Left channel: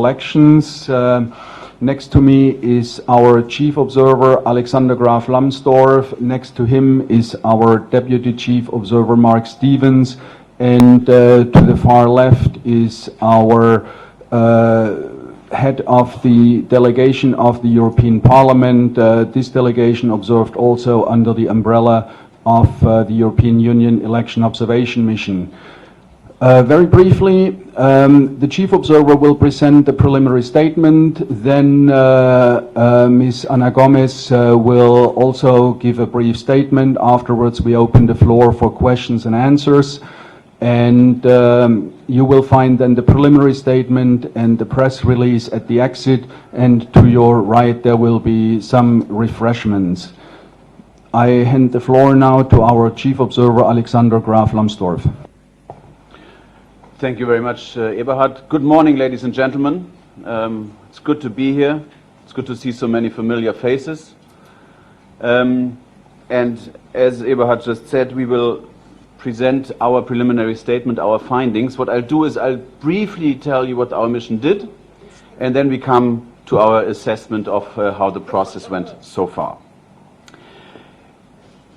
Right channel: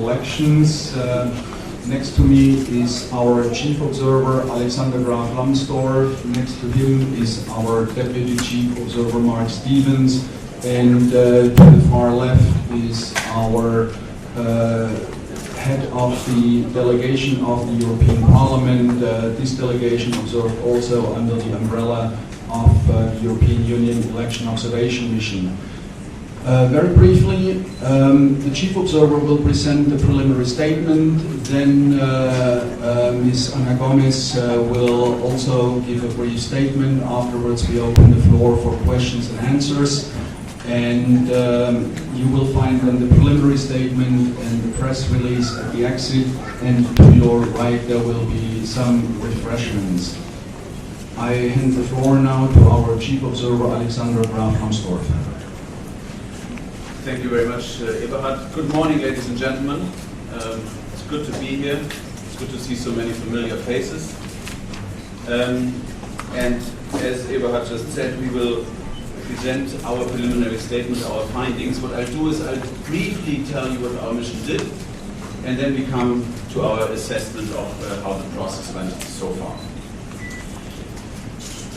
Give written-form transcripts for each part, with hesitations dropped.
Elections. Next to me is our chief observer Alexander Graf Lambsdorff. Next to him is our deputy chief observer Mark Stevens, and to the far left is our head of the delegation of the European Parliament. This delegation observed also under the umbrella of the European Union Election Observation Mission. Very briefly, the Chief Observer will present the preliminary statement, then Ms. Ana Gomez will also give a brief statement. Afterwards we open the floor for questions and answers, and you will find then the preliminary statement and the press release at the exit, and to your right there will be some refreshments. I hand the floor now to our Chief Observer Alexander Graf Lambsdorff. Thank you very much, Eberhard. Good morning, ladies and gentlemen. It's good to be here. It's good to see so many familiar faces. And as Eberhard just said, we will present our preliminary statement, our findings. What I'll do is I'll briefly tell you what our mission did, and then we come to our assessment of how the process went so far.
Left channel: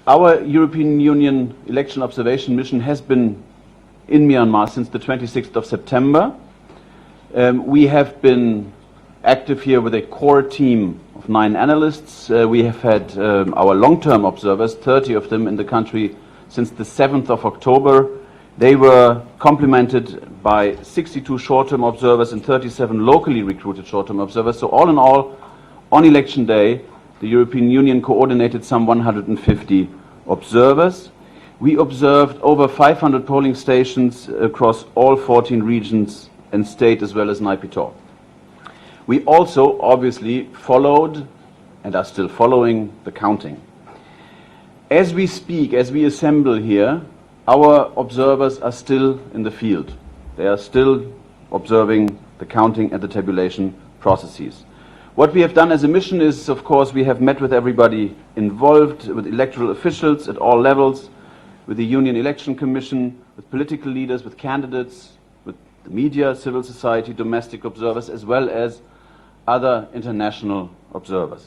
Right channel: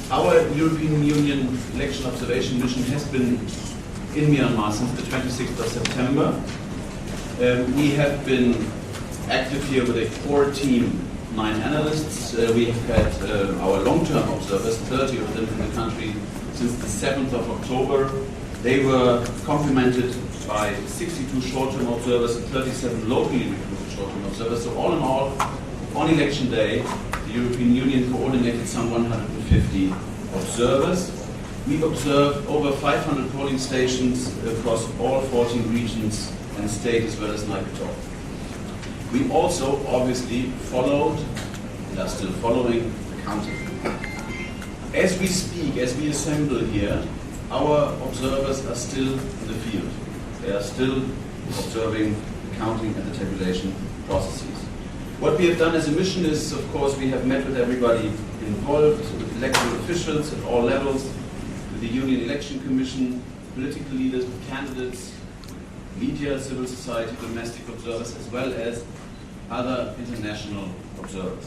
Our European Union Election Observation Mission has been in Myanmar since the 26th of September. We have been active here with a core team, 9 analysts. We have had our long-term observers, 30 of them in the country since the 7th of October. They were complemented by 62 short-term observers and 37 locally recruited short-term observers. So all in all, on election day, the European Union coordinated some 150 observers. We observed over 500 polling stations across all 14 regions and state, as well as Naypyidaw. We also obviously followed and are still following the counting. As we speak, as we assemble here, our observers are still in the field. They are still observing the counting and the tabulation processes. What we have done as a mission is, of course, we have met with everybody involved, with electoral officials at all levels, with the Union Election Commission, with political leaders, with candidates, with media, civil society, domestic observers, as well as other international observers.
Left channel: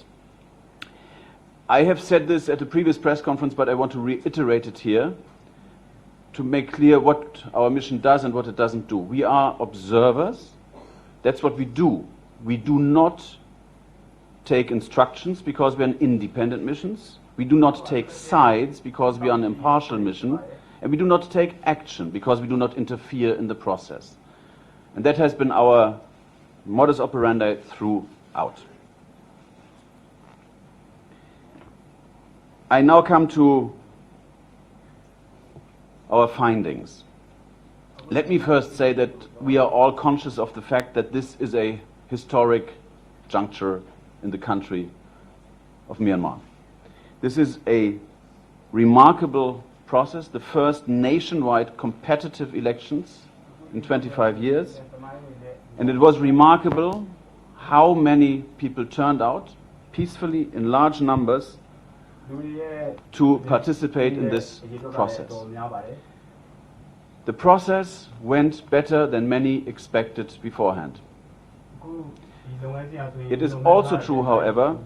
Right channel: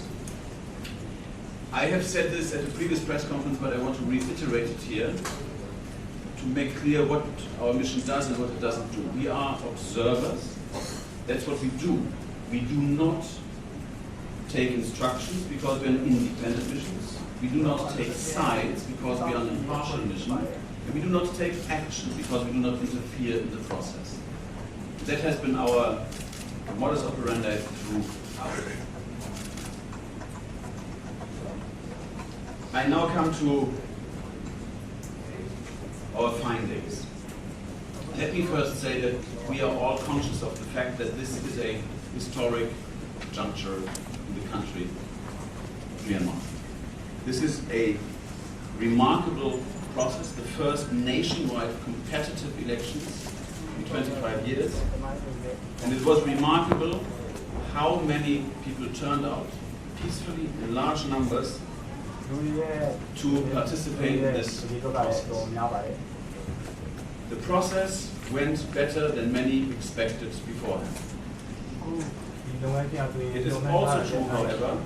I have said this at a previous press conference, but I want to reiterate it here to make clear what our mission does and what it doesn't do. We are observers. That's what we do. We do not take instructions because we're an independent mission. We do not take sides because we are an impartial mission, and we do not take action because we do not interfere in the process. And that has been our modus operandi throughout. I now come to our findings. Let me first say that we are all conscious of the fact that this is a historic juncture in the country of Myanmar. This is a remarkable process, the first nationwide competitive elections in 25 years. And it was remarkable how many people turned out peacefully in large numbers to participate in this process. The process went better than many expected beforehand. It is also true, however,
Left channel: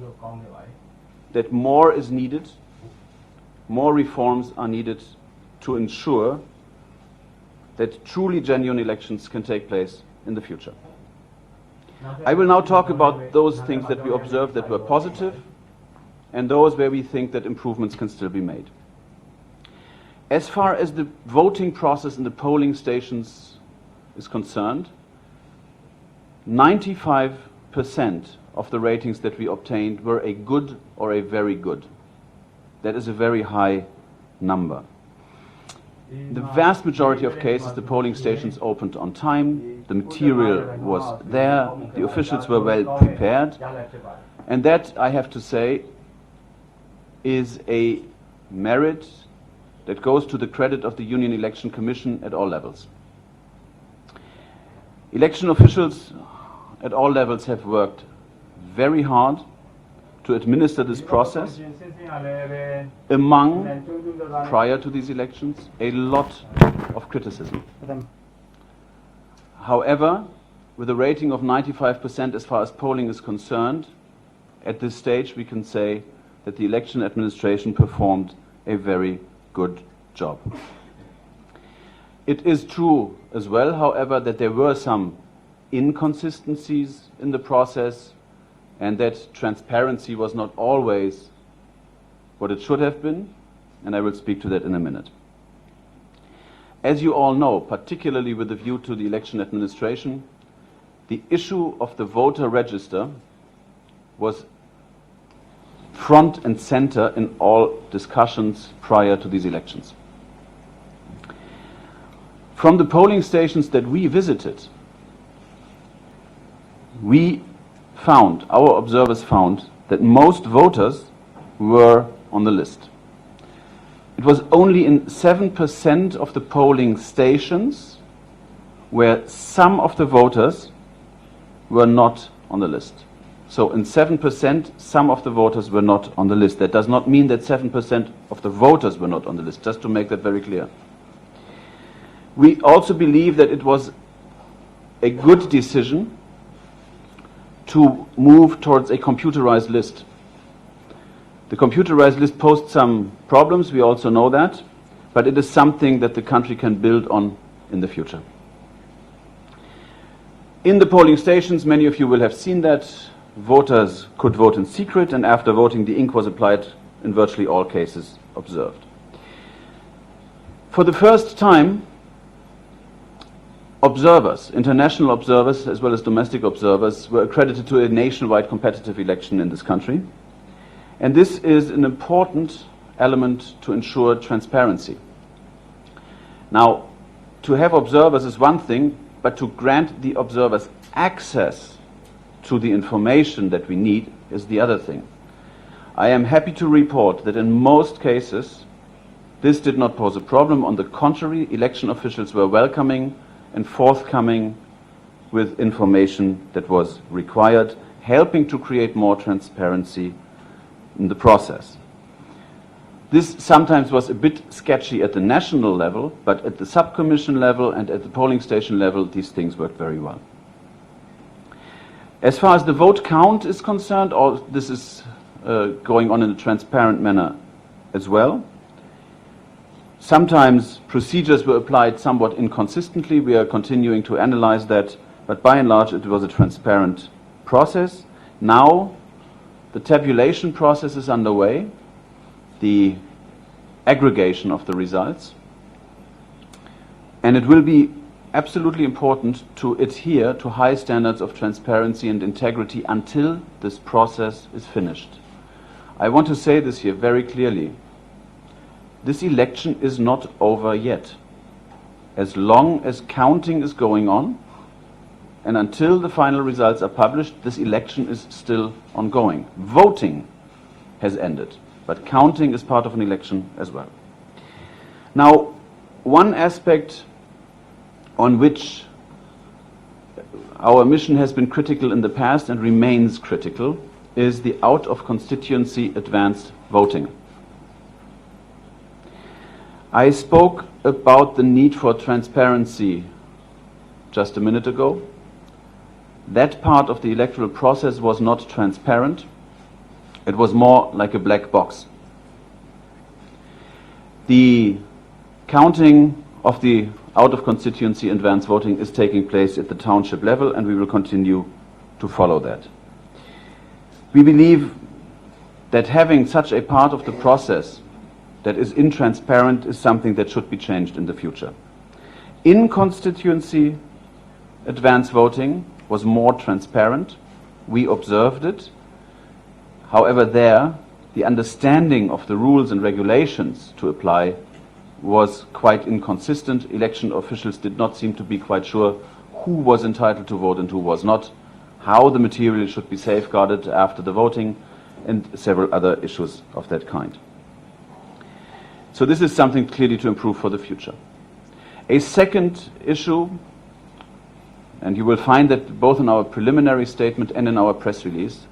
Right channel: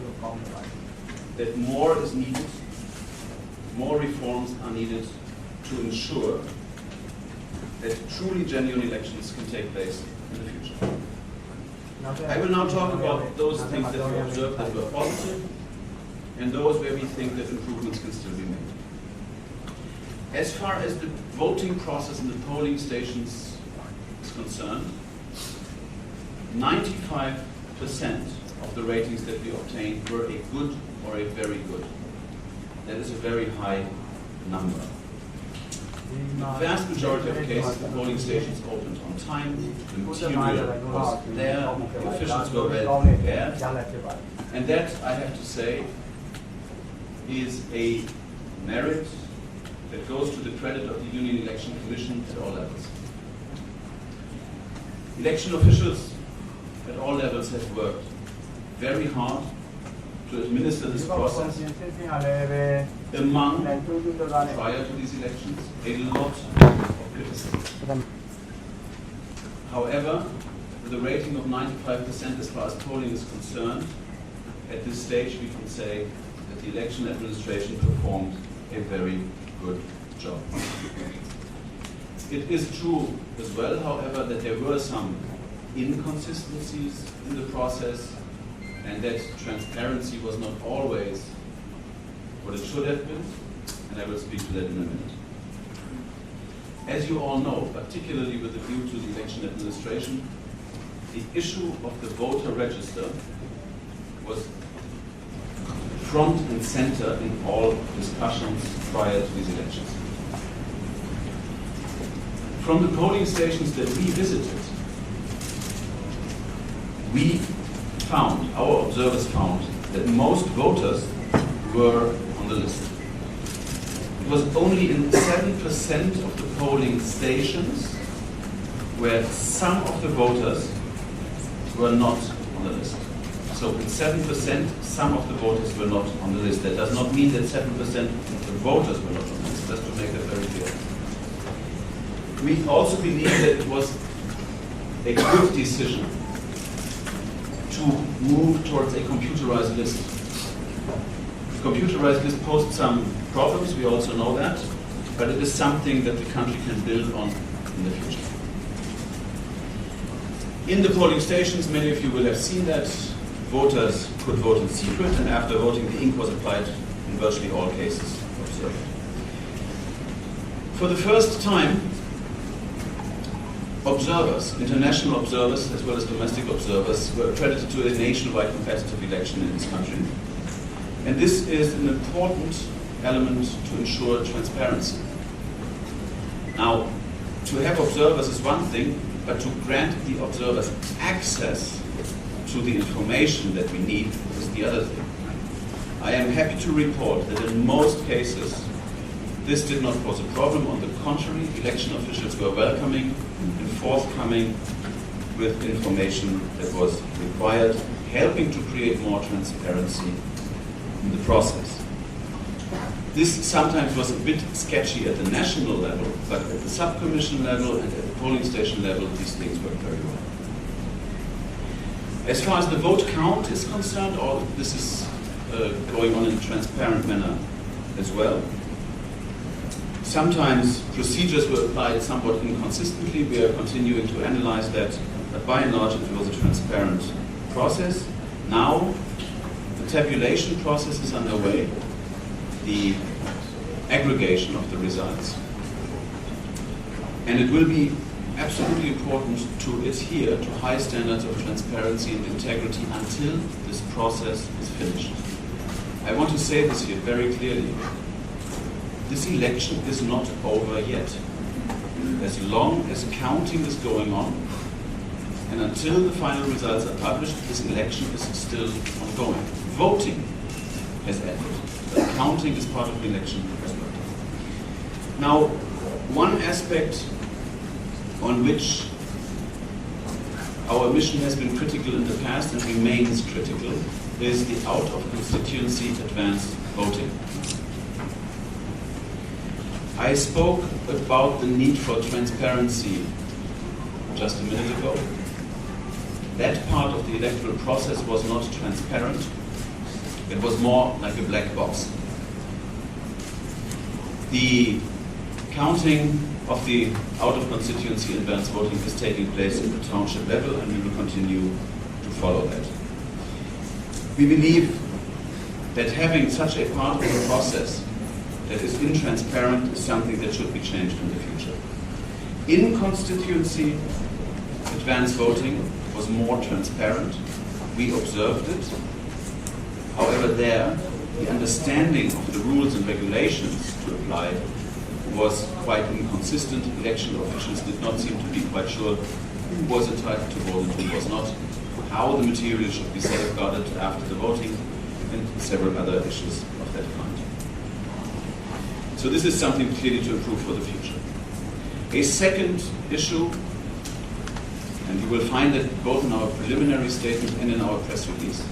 that more is needed, more reforms are needed to ensure that truly genuine elections can take place in the future. I will now talk about those things that we observed that were positive and those where we think that improvements can still be made. As far as the voting process in the polling stations is concerned, 95% of the ratings that we obtained were a good or a very good. That is a very high number. In the vast majority of cases, the polling stations opened on time, the material was there, the officials were well prepared, and that, I have to say, is a merit that goes to the credit of the Union Election Commission at all levels. Election officials at all levels have worked very hard to administer this process. Among, prior to these elections, a lot of criticism. However, with a rating of 95% as far as polling is concerned, at this stage we can say that the election administration performed a very good job. It is true as well, however, that there were some inconsistencies in the process and that transparency was not always what it should have been, and I will speak to that in a minute. As you all know, particularly with a view to the election administration, the issue of the voter register was front and center in all discussions prior to these elections. From the polling stations that we visited, our observers found that most voters were on the list. It was only in 7% of the polling stations where some of the voters were not on the list. So in 7%, some of the voters were not on the list. That does not mean that 7% of the voters were not on the list, just to make that very clear. We also believe that it was a good decision to move towards a computerized list. The computerized list posed some problems, we also know that, but it is something that the country can build on in the future. In the polling stations, many of you will have seen that voters could vote in secret, and after voting the ink was applied in virtually all cases observed. For the first time, observers, international observers as well as domestic observers, were accredited to a nationwide competitive election in this country. And this is an important element to ensure transparency. Now, to have observers is one thing, but to grant the observers access to the information that we need is the other thing. I am happy to report that in most cases, this did not pose a problem. On the contrary, election officials were welcoming and forthcoming with information that was required, helping to create more transparency in the process. This sometimes was a bit sketchy at the national level, but at the subcommission level and at the polling station level, these things worked very well. As far as the vote count is concerned, all this is going on in a transparent manner as well. Sometimes procedures were applied somewhat inconsistently. We are continuing to analyze that, but by and large it was a transparent process. Now the tabulation process is underway, the aggregation of the results, and it will be absolutely important to adhere to high standards of transparency and integrity until this process is finished. I want to say this here very clearly. This election is not over yet. As long as counting is going on, and until the final results are published, this election is still ongoing. Voting has ended, but counting is part of an election as well. Now, one aspect on which our mission has been critical in the past and remains critical is the out-of-constituency advance voting. I spoke about the need for transparency just a minute ago. That part of the electoral process was not transparent. It was more like a black box. The counting of the out-of-constituency advance voting is taking place at the township level, and we will continue to follow that. We believe that having such a part of the process that is intransparent is something that should be changed in the future. In constituency advance voting was more transparent. We observed it. However, there, the understanding of the rules and regulations to apply was quite inconsistent. Election officials did not seem to be quite sure who was entitled to vote and who was not, how the material should be safeguarded after the voting, and several other issues of that kind. So this is something clearly to improve for the future. A second issue, and you will find that both in our preliminary statement and in our press release,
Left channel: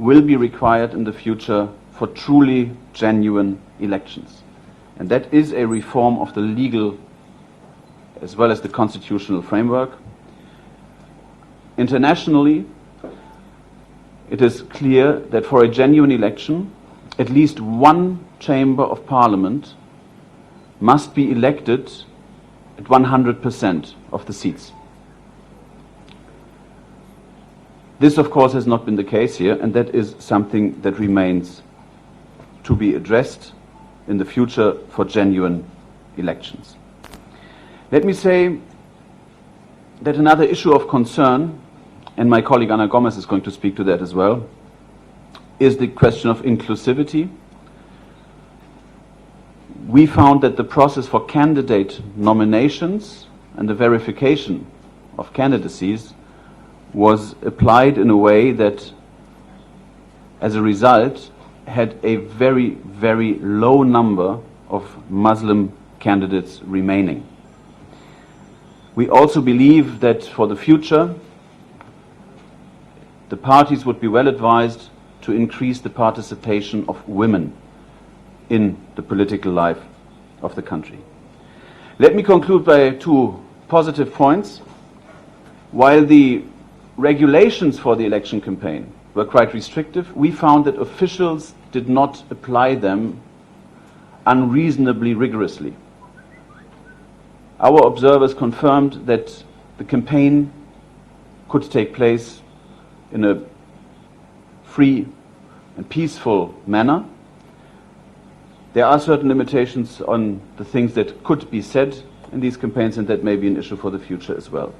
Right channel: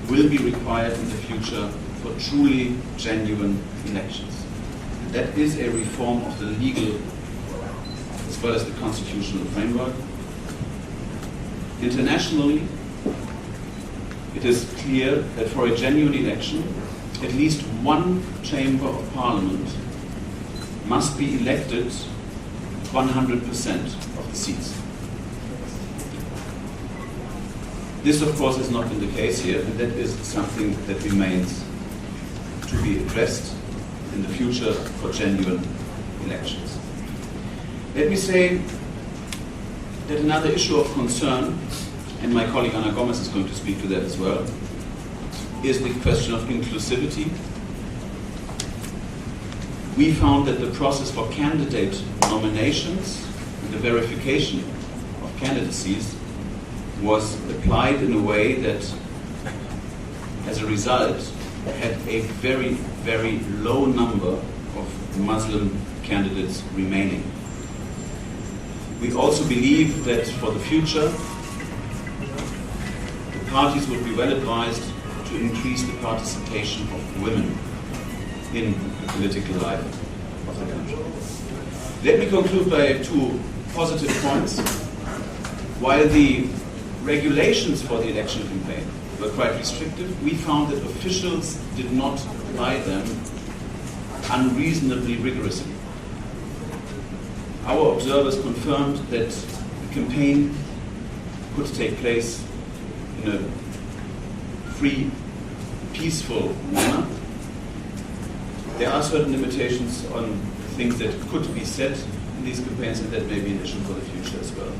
will be required in the future for truly genuine elections. And that is a reform of the legal as well as the constitutional framework. Internationally, it is clear that for a genuine election, at least one chamber of parliament must be elected at 100% of the seats. This, of course, has not been the case here, and that is something that remains to be addressed in the future for genuine elections. Let me say that another issue of concern, and my colleague Ana Gomez is going to speak to that as well, is the question of inclusivity. We found that the process for candidate nominations and the verification of candidacies was applied in a way that, as a result, had a very, very low number of Muslim candidates remaining. We also believe that for the future, the parties would be well advised to increase the participation of women in the political life of the country. Let me conclude by two positive points. While the regulations for the election campaign were quite restrictive, we found that officials did not apply them unreasonably rigorously. Our observers confirmed that the campaign could take place in a free and peaceful manner. There are certain limitations on the things that could be said in these campaigns, and that may be an issue for the future as well.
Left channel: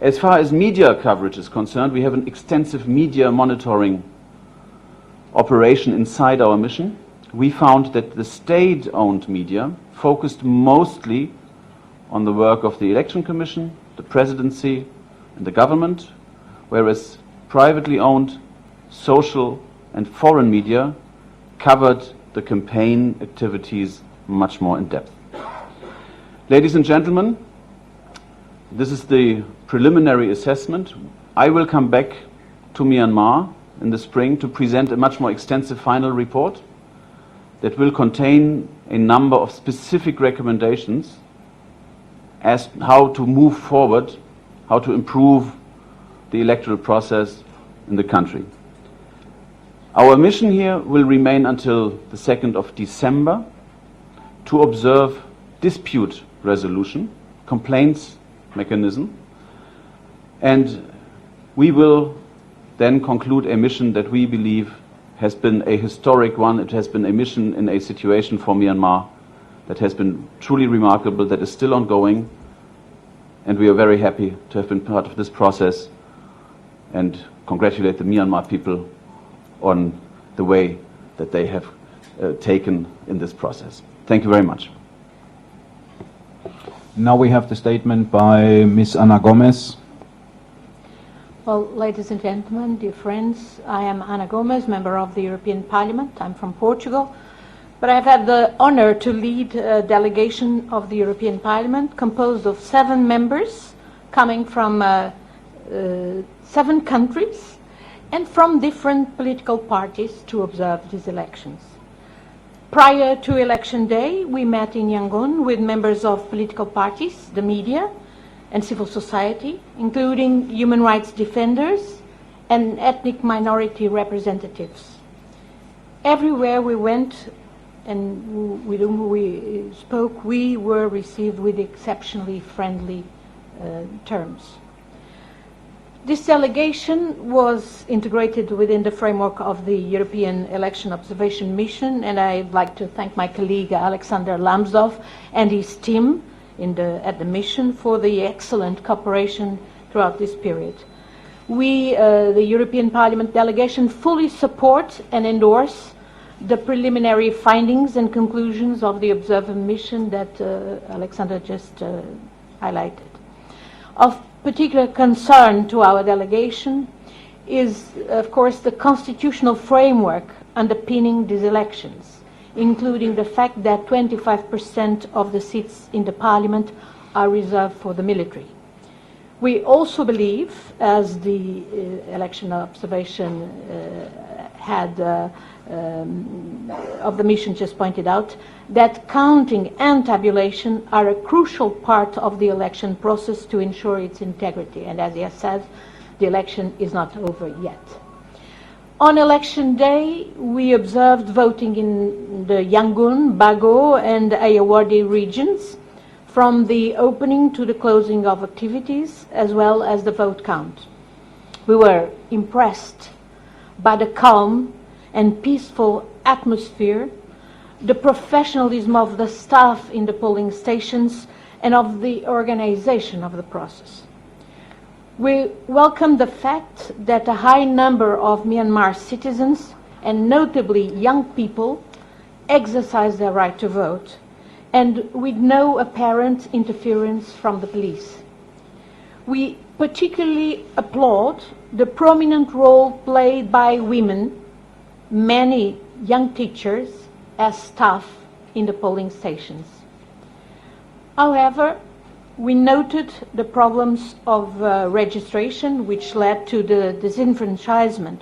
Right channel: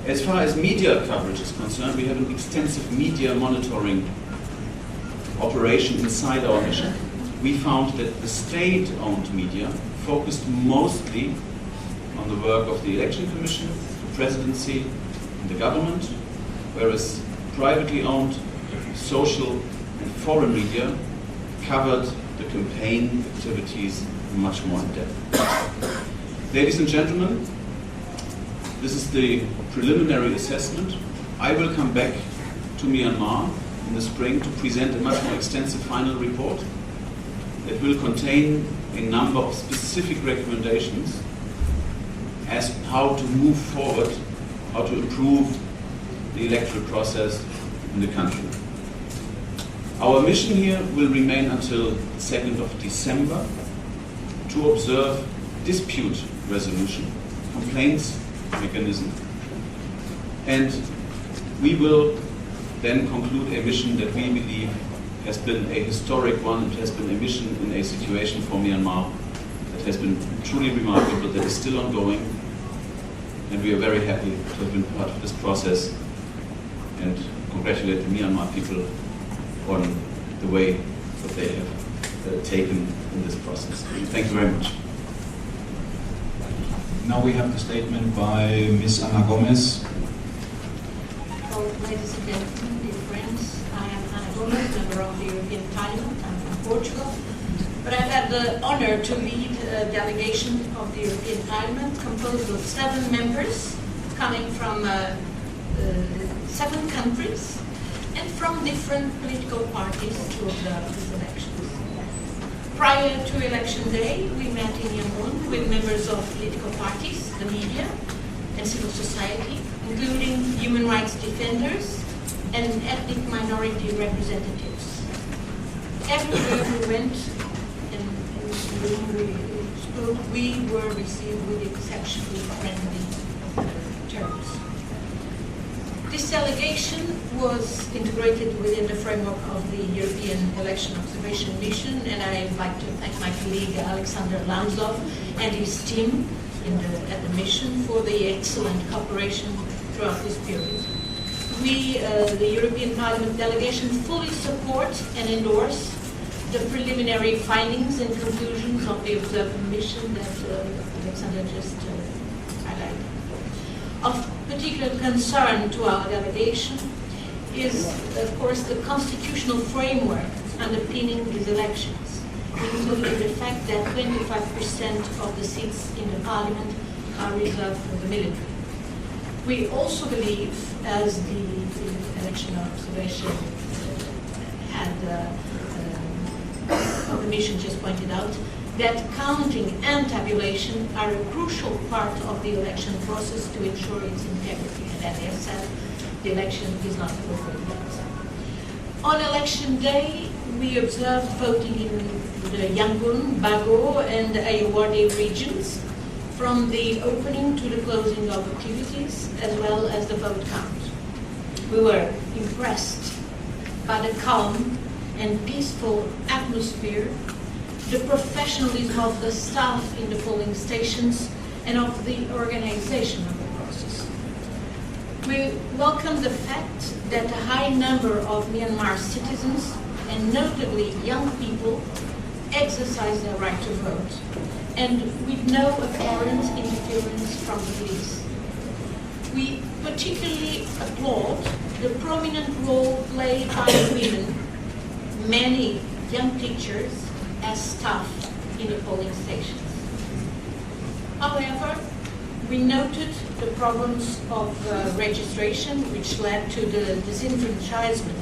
As far as media coverage is concerned, we have an extensive media monitoring operation inside our mission. We found that the state-owned media focused mostly on the work of the Election Commission, the Presidency, and the government, whereas privately owned social and foreign media covered the campaign activities much more in depth. Ladies and gentlemen, this is the preliminary assessment. I will come back to Myanmar in the spring to present a much more extensive final report that will contain a number of specific recommendations as how to move forward, how to improve the electoral process in the country. Our mission here will remain until the 2nd of December to observe dispute resolution, complaints mechanism, and we will then conclude a mission that we believe has been a historic one. It has been a mission in a situation for Myanmar that has been truly remarkable, that is still ongoing, and we are very happy to have been part of this process and congratulate the Myanmar people on the way that they have taken in this process. Thank you very much. Now we have the statement by Ms. Ana Gomez. Well, ladies and gentlemen, dear friends, I am Ana Gomez, member of the European Parliament. I'm from Portugal, but I've had the honor to lead a delegation of the European Parliament composed of 7 members coming from 7 countries and from different political parties to observe these elections. Prior to election day, we met in Yangon with members of political parties, the media, and civil society, including human rights defenders and ethnic minority representatives. Everywhere we went and with whom we spoke, we were received with exceptionally friendly terms. This delegation was integrated within the framework of the European Election Observation Mission, and I'd like to thank my colleague Alexander Lamsdorf and his team at the mission for the excellent cooperation throughout this period. We, the European Parliament delegation, fully support and endorse the preliminary findings and conclusions of the observing mission that Alexander just highlighted. Of particular concern to our delegation is, of course, the constitutional framework underpinning these elections, including the fact that 25% of the seats in the parliament are reserved for the military. We also believe, as the election observation of the mission just pointed out, that counting and tabulation are a crucial part of the election process to ensure its integrity. And as I have said, the election is not over yet. On election day, we observed voting in the Yangon, Bago, and Ayeyarwady regions, from the opening to the closing of activities, as well as the vote count. We were impressed by the calm and peaceful atmosphere, the professionalism of the staff in the polling stations, and of the organization of the process. We welcome the fact that a high number of Myanmar citizens, and notably young people, exercise their right to vote, and with no apparent interference from the police. We particularly applaud the prominent role played by women, many young teachers, as staff in the polling stations. However, we noted the problems of registration, which led to the disenfranchisement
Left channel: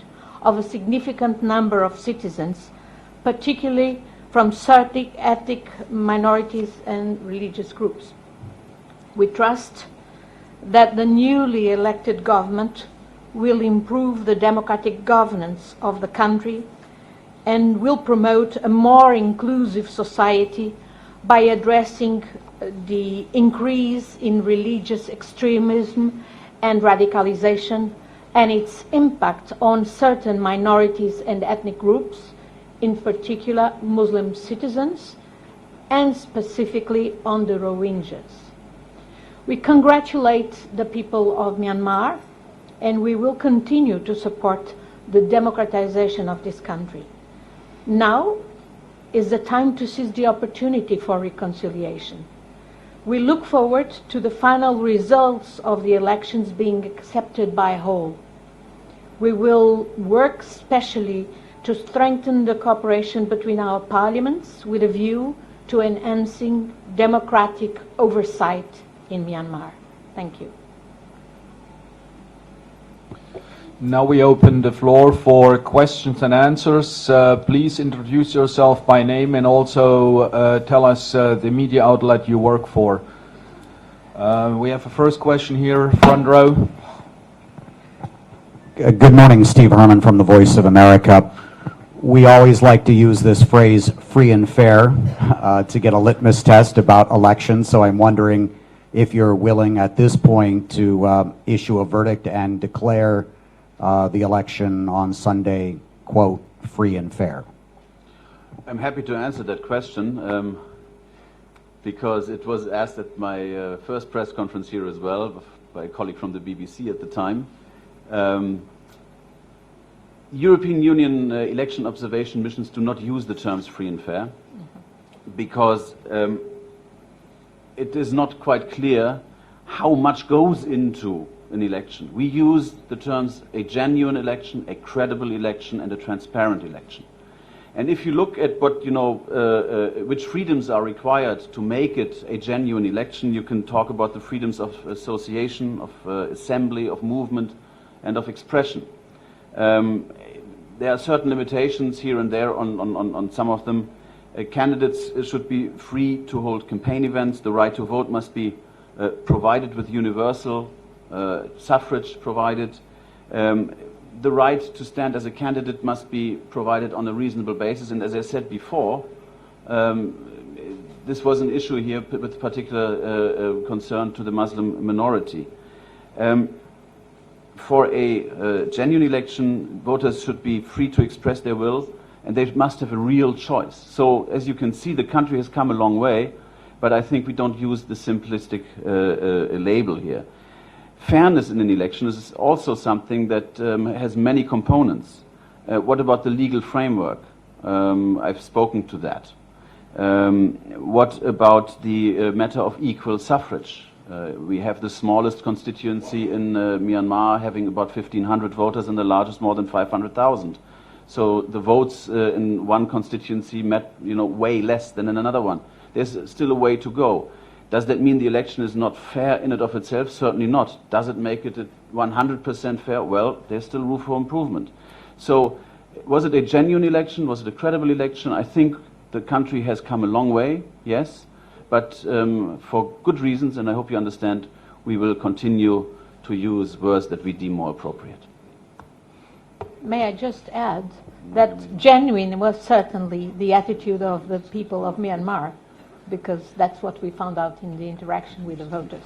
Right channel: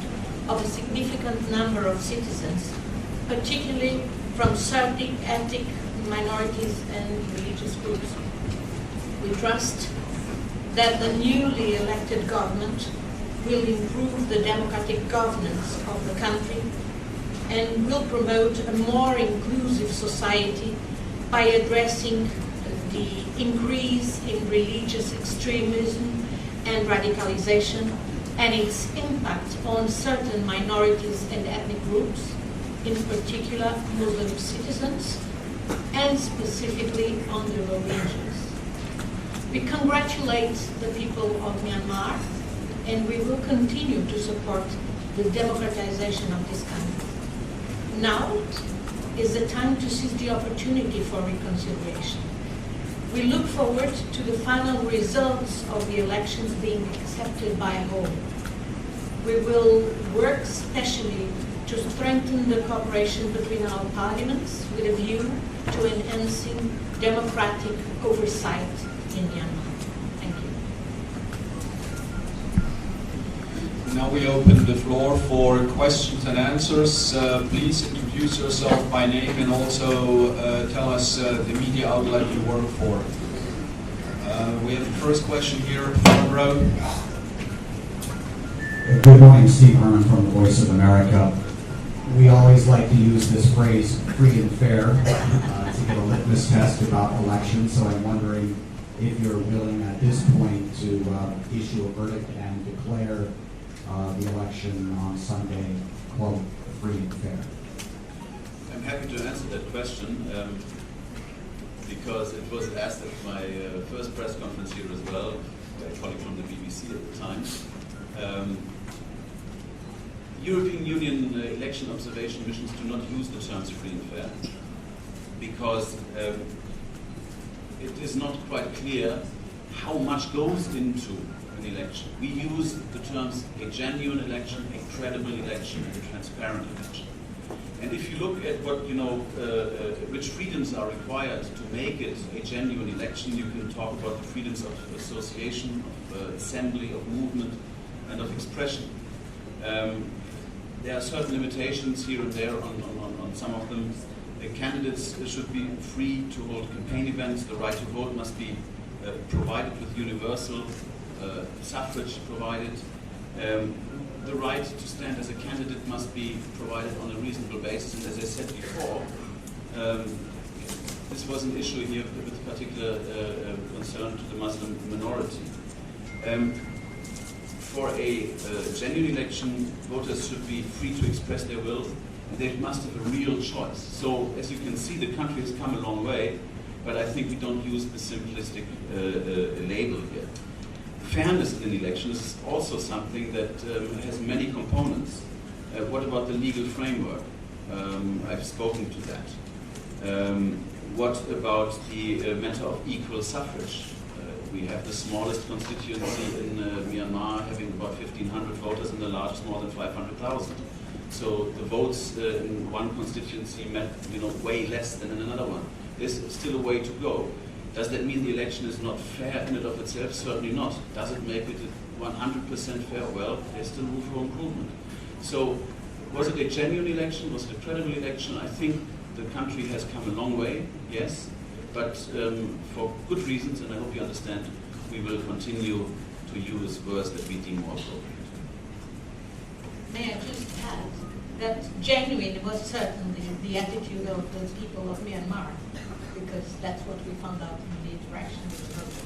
of a significant number of citizens, particularly from certain ethnic minorities and religious groups. We trust that the newly elected government will improve the democratic governance of the country and will promote a more inclusive society by addressing the increase in religious extremism and radicalization and its impact on certain minorities and ethnic groups, in particular Muslim citizens, and specifically on the Rohingyas. We congratulate the people of Myanmar, and we will continue to support the democratization of this country. Now is the time to seize the opportunity for reconciliation. We look forward to the final results of the elections being accepted by all. We will work specially to strengthen the cooperation between our parliaments with a view to enhancing democratic oversight in Myanmar. Thank you. Now we open the floor for questions and answers. Please introduce yourself by name and also tell us the media outlet you work for. We have the first question here, front row. Good morning, Steve Herman from the Voice of America. We always like to use this phrase, free and fair, to get a litmus test about elections, so I'm wondering if you're willing at this point to issue a verdict and declare the election on Sunday, quote, free and fair. I'm happy to answer that question because it was asked at my first press conference here as well by a colleague from the BBC at the time. European Union election observation missions do not use the terms free and fair because it is not quite clear how much goes into an election. We use the terms a genuine election, a credible election, and a transparent election. And if you look at what, which freedoms are required to make it a genuine election, you can talk about the freedoms of association, of assembly, of movement, and of expression. There are certain limitations here and there on some of them. Candidates should be free to hold campaign events. The right to vote must be provided with universal suffrage provided. The right to stand as a candidate must be provided on a reasonable basis. And as I said before, this was an issue here with particular concern to the Muslim minority. For a genuine election, voters should be free to express their will, and they must have a real choice. So, as you can see, the country has come a long way, but I think we don't use the simplistic label here. Fairness in an election is also something that has many components. What about the legal framework? I've spoken to that. What about the matter of equal suffrage? We have the smallest constituency in Myanmar, having about 1,500 voters, and the largest more than 500,000. So the votes in one constituency met, way less than in another one. There's still a way to go. Does that mean the election is not fair in and of itself? Certainly not. Does it make it 100% fair? Well, there's still room for improvement. So was it a genuine election? Was it a credible election? I think the country has come a long way, yes, but for good reasons, and I hope you understand, we will continue to use words that we deem more appropriate. May I just add that genuine was certainly the attitude of the people of Myanmar, because that's what we found out in the interaction with the voters.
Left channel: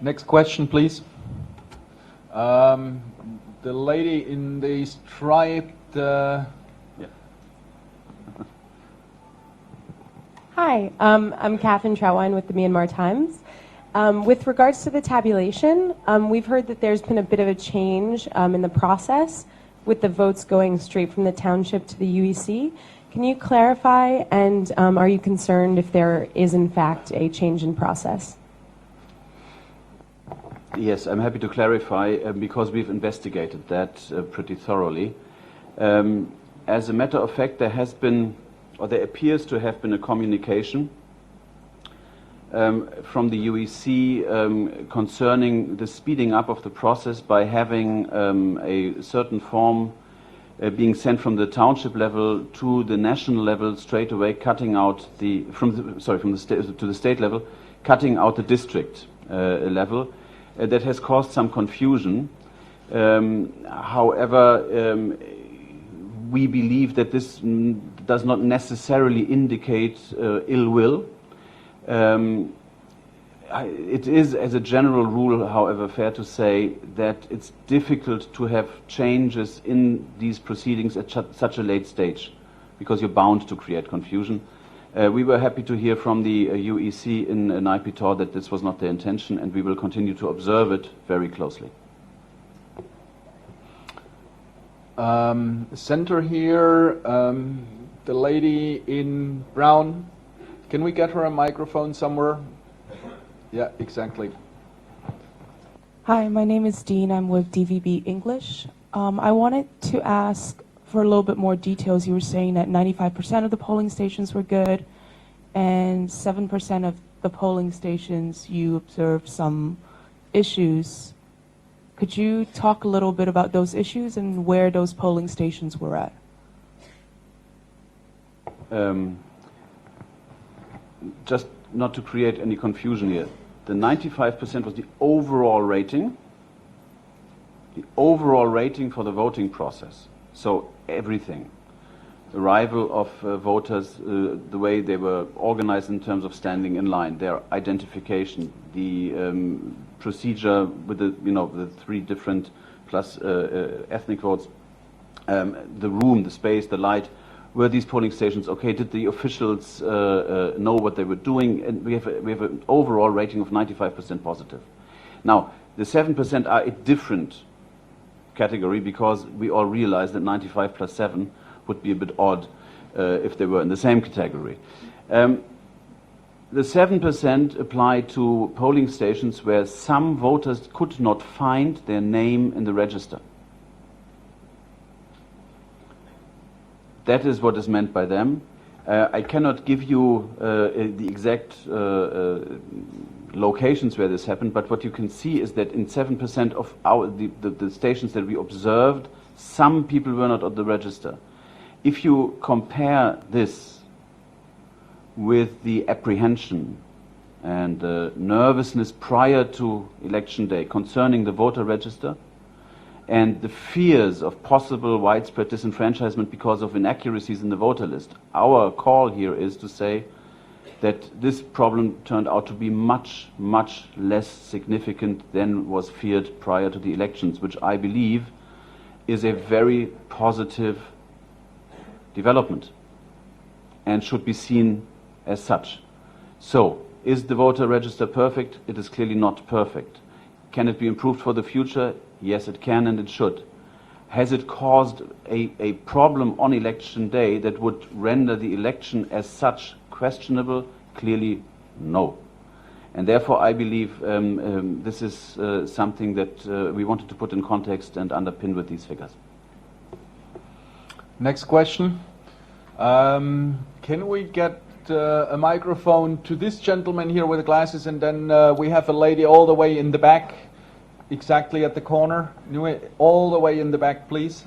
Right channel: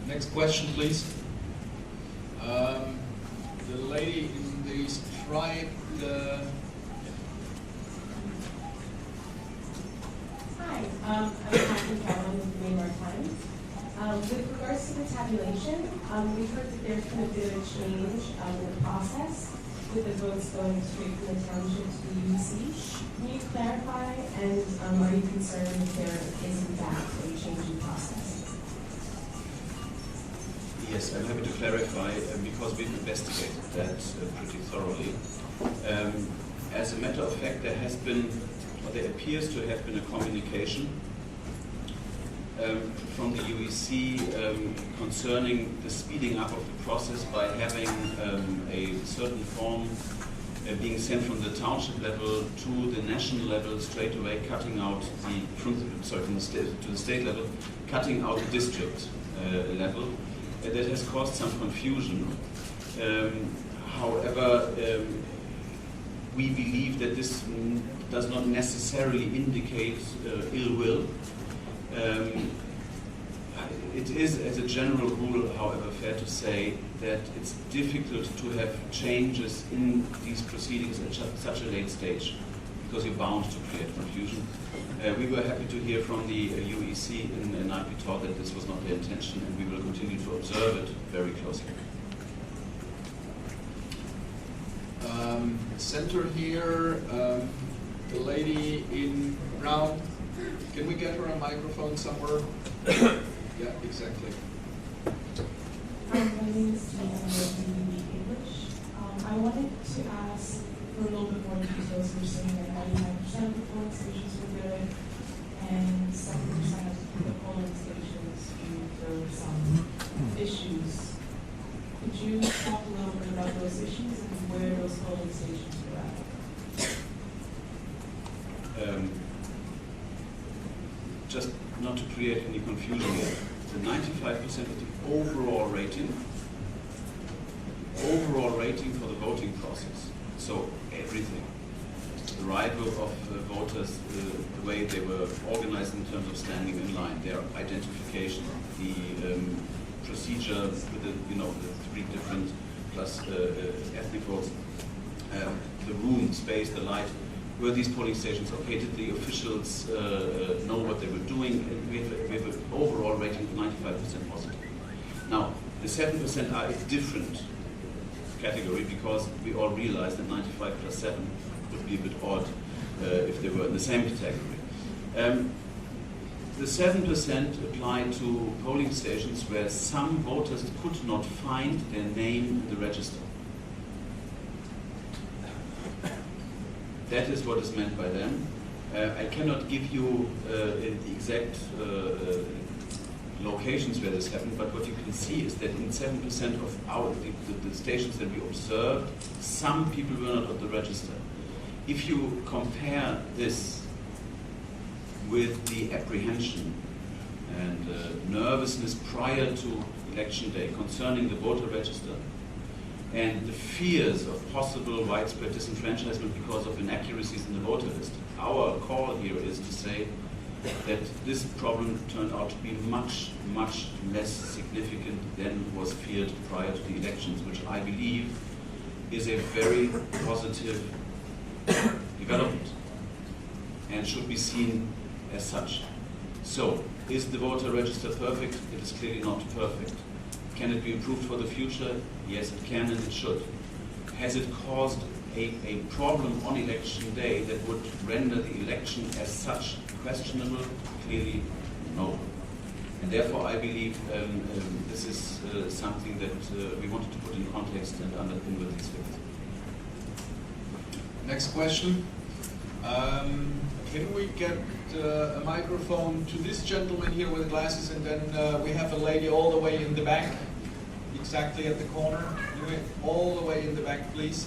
Next question, please. The lady in the striped. Hi, I'm Catherine Trowine with the Myanmar Times. With regards to the tabulation, we've heard that there's been a bit of a change in the process with the votes going straight from the township to the UEC. Can you clarify, and are you concerned if there is in fact a change in process? Yes, I'm happy to clarify because we've investigated that pretty thoroughly. As a matter of fact, there has been, or there appears to have been, a communication from the UEC concerning the speeding up of the process by having a certain form being sent from the township level to the national level straight away, cutting out the to the state level, cutting out the district level. That has caused some confusion. However, we believe that this does not necessarily indicate ill will. It is, as a general rule, however, fair to say that it's difficult to have changes in these proceedings at such a late stage, because you're bound to create confusion. We were happy to hear from the UEC in Naypyidaw that this was not their intention, and we will continue to observe it very closely. Center here, the lady in brown. Can we get her a microphone somewhere? Yeah, exactly. Hi, my name is Dean. I'm with DVB English. I wanted to ask for a little bit more details. You were saying that 95% of the polling stations were good, and 7% of the polling stations you observed some issues. Could you talk a little bit about those issues and where those polling stations were at? Just not to create any confusion here, the 95% of the overall rating for the voting process, so everything, arrival of voters, the way they were organized in terms of standing in line, their identification, the procedure with the three different plus ethnic votes, the room, the space, the light. Were these polling stations okay? Did the officials know what they were doing? And we have an overall rating of 95% positive. Now, the 7% are a different category, because we all realize that 95 plus 7 would be a bit odd if they were in the same category. The 7% apply to polling stations where some voters could not find their name in the register. That is what is meant by them. I cannot give you the exact locations where this happened, but what you can see is that in 7% of the stations that we observed, some people were not on the register. If you compare this with the apprehension and nervousness prior to election day concerning the voter register, and the fears of possible widespread disenfranchisement because of inaccuracies in the voter list, our call here is to say that this problem turned out to be much, much less significant than was feared prior to the elections, which I believe is a very positive development and should be seen as such. So, is the voter register perfect? It is clearly not perfect. Can it be improved for the future? Yes, it can and it should. Has it caused a problem on election day that would render the election as such questionable? Clearly, no. And therefore, I believe this is something that we wanted to put in context and underpin with these figures. Next question. Can we get a microphone to this gentleman here with the glasses, and then we have a lady all the way in the back, exactly at the corner. All the way in the back, please.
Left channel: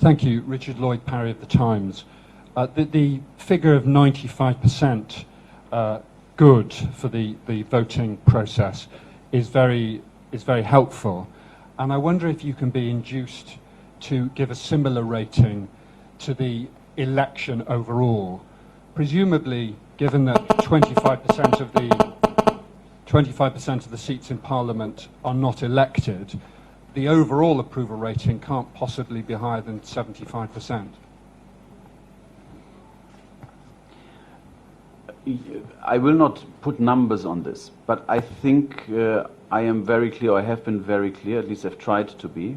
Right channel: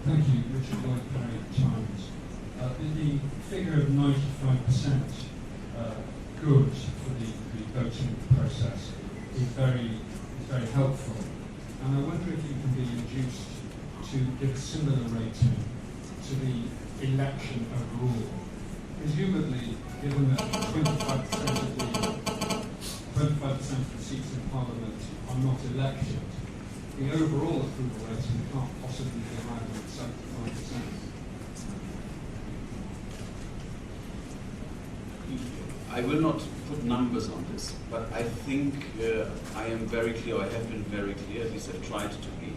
Thank you, Richard Lloyd Parry at the Times. The figure of 95% good for the voting process is very helpful. And I wonder if you can be induced to give a similar rating to the election overall. Presumably, given that 25% of the seats in Parliament are not elected, the overall approval rating can't possibly be higher than 75%. I will not put numbers on this, but I think I am very clear, I have been very clear, at least I've tried to be.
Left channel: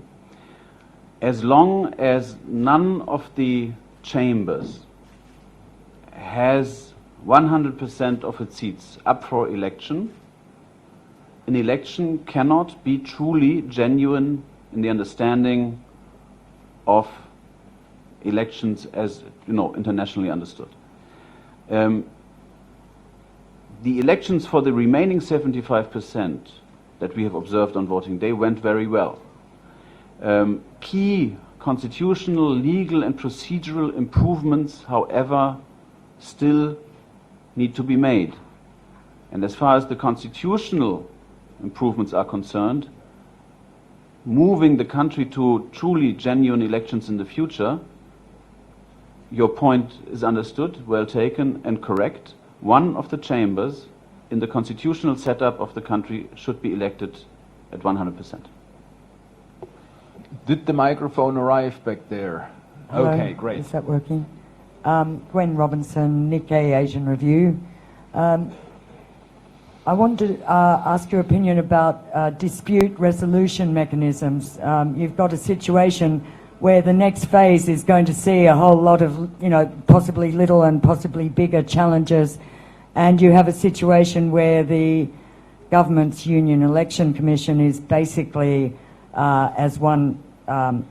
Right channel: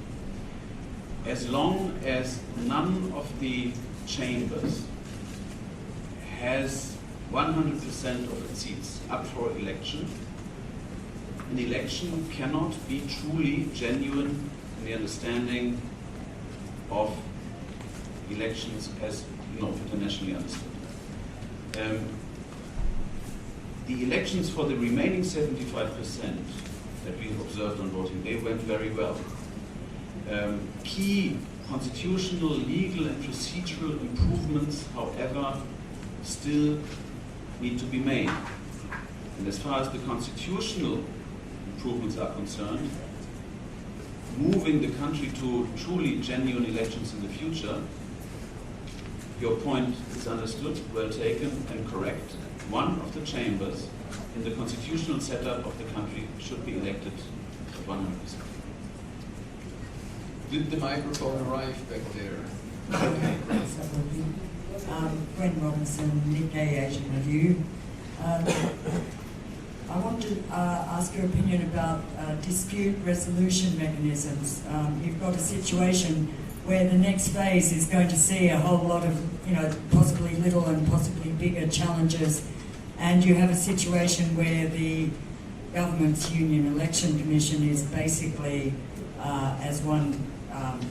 As long as none of the chambers has 100% of its seats up for election, an election cannot be truly genuine in the understanding of elections as, internationally understood. The elections for the remaining 75% that we have observed on voting day went very well. Key constitutional, legal and procedural improvements, however, still need to be made. And as far as the constitutional improvements are concerned, moving the country to truly genuine elections in the future, your point is understood, well taken and correct. One of the chambers in the constitutional setup of the country should be elected at 100%. Did the microphone arrive back there? Okay, great. Is that working? Gwen Robinson, Nikkei Asian Review. I wanted to ask your opinion about dispute resolution mechanisms. You've got a situation where the next phase is going to see a whole lot of, possibly little and possibly bigger challenges, and you have a situation where the government's Union Election Commission is basically, as one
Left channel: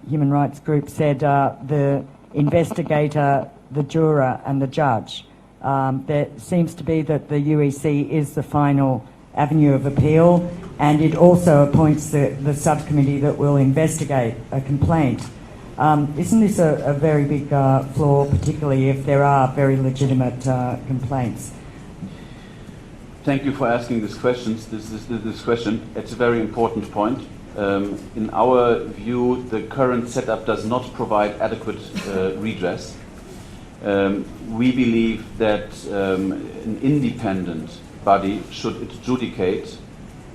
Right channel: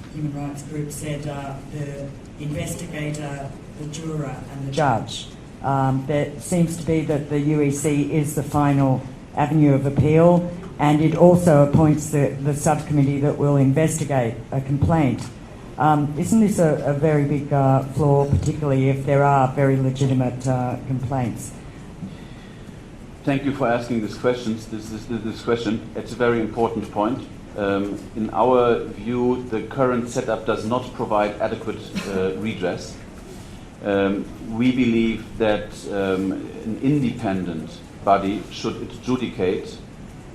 human rights group said, the investigator, the juror and the judge. There seems to be that the UEC is the final avenue of appeal, and it also appoints the subcommittee that will investigate a complaint. Isn't this a very big flaw, particularly if there are very legitimate complaints? Thank you for asking this question. It's a very important point. In our view, the current setup does not provide adequate redress. We believe that an independent body should adjudicate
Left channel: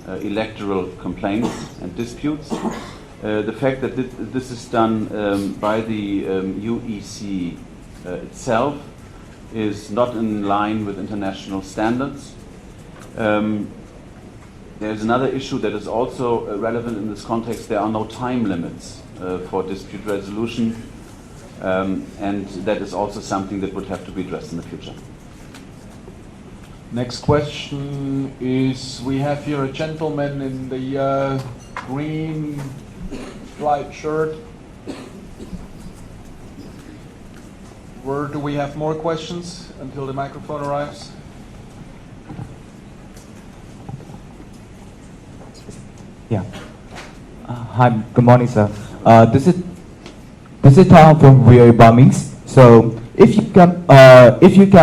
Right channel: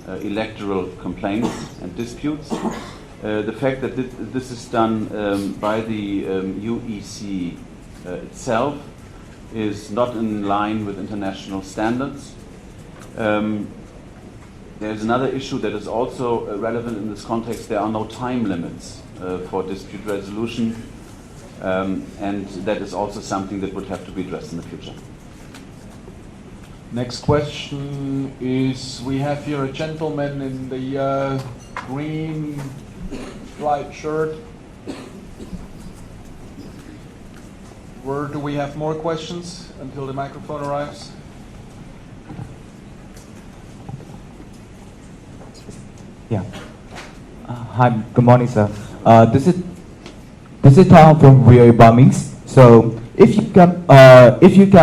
electoral complaints and disputes. The fact that this is done by the UEC itself is not in line with international standards. There's another issue that is also relevant in this context. There are no time limits for dispute resolution, and that is also something that would have to be addressed in the future. Next question is, we have here a gentleman in the green striped shirt. Where do we have more questions until the microphone arrives? Yeah. Hi. Good morning, sir. This is Tom from Real Bombings. So, if you can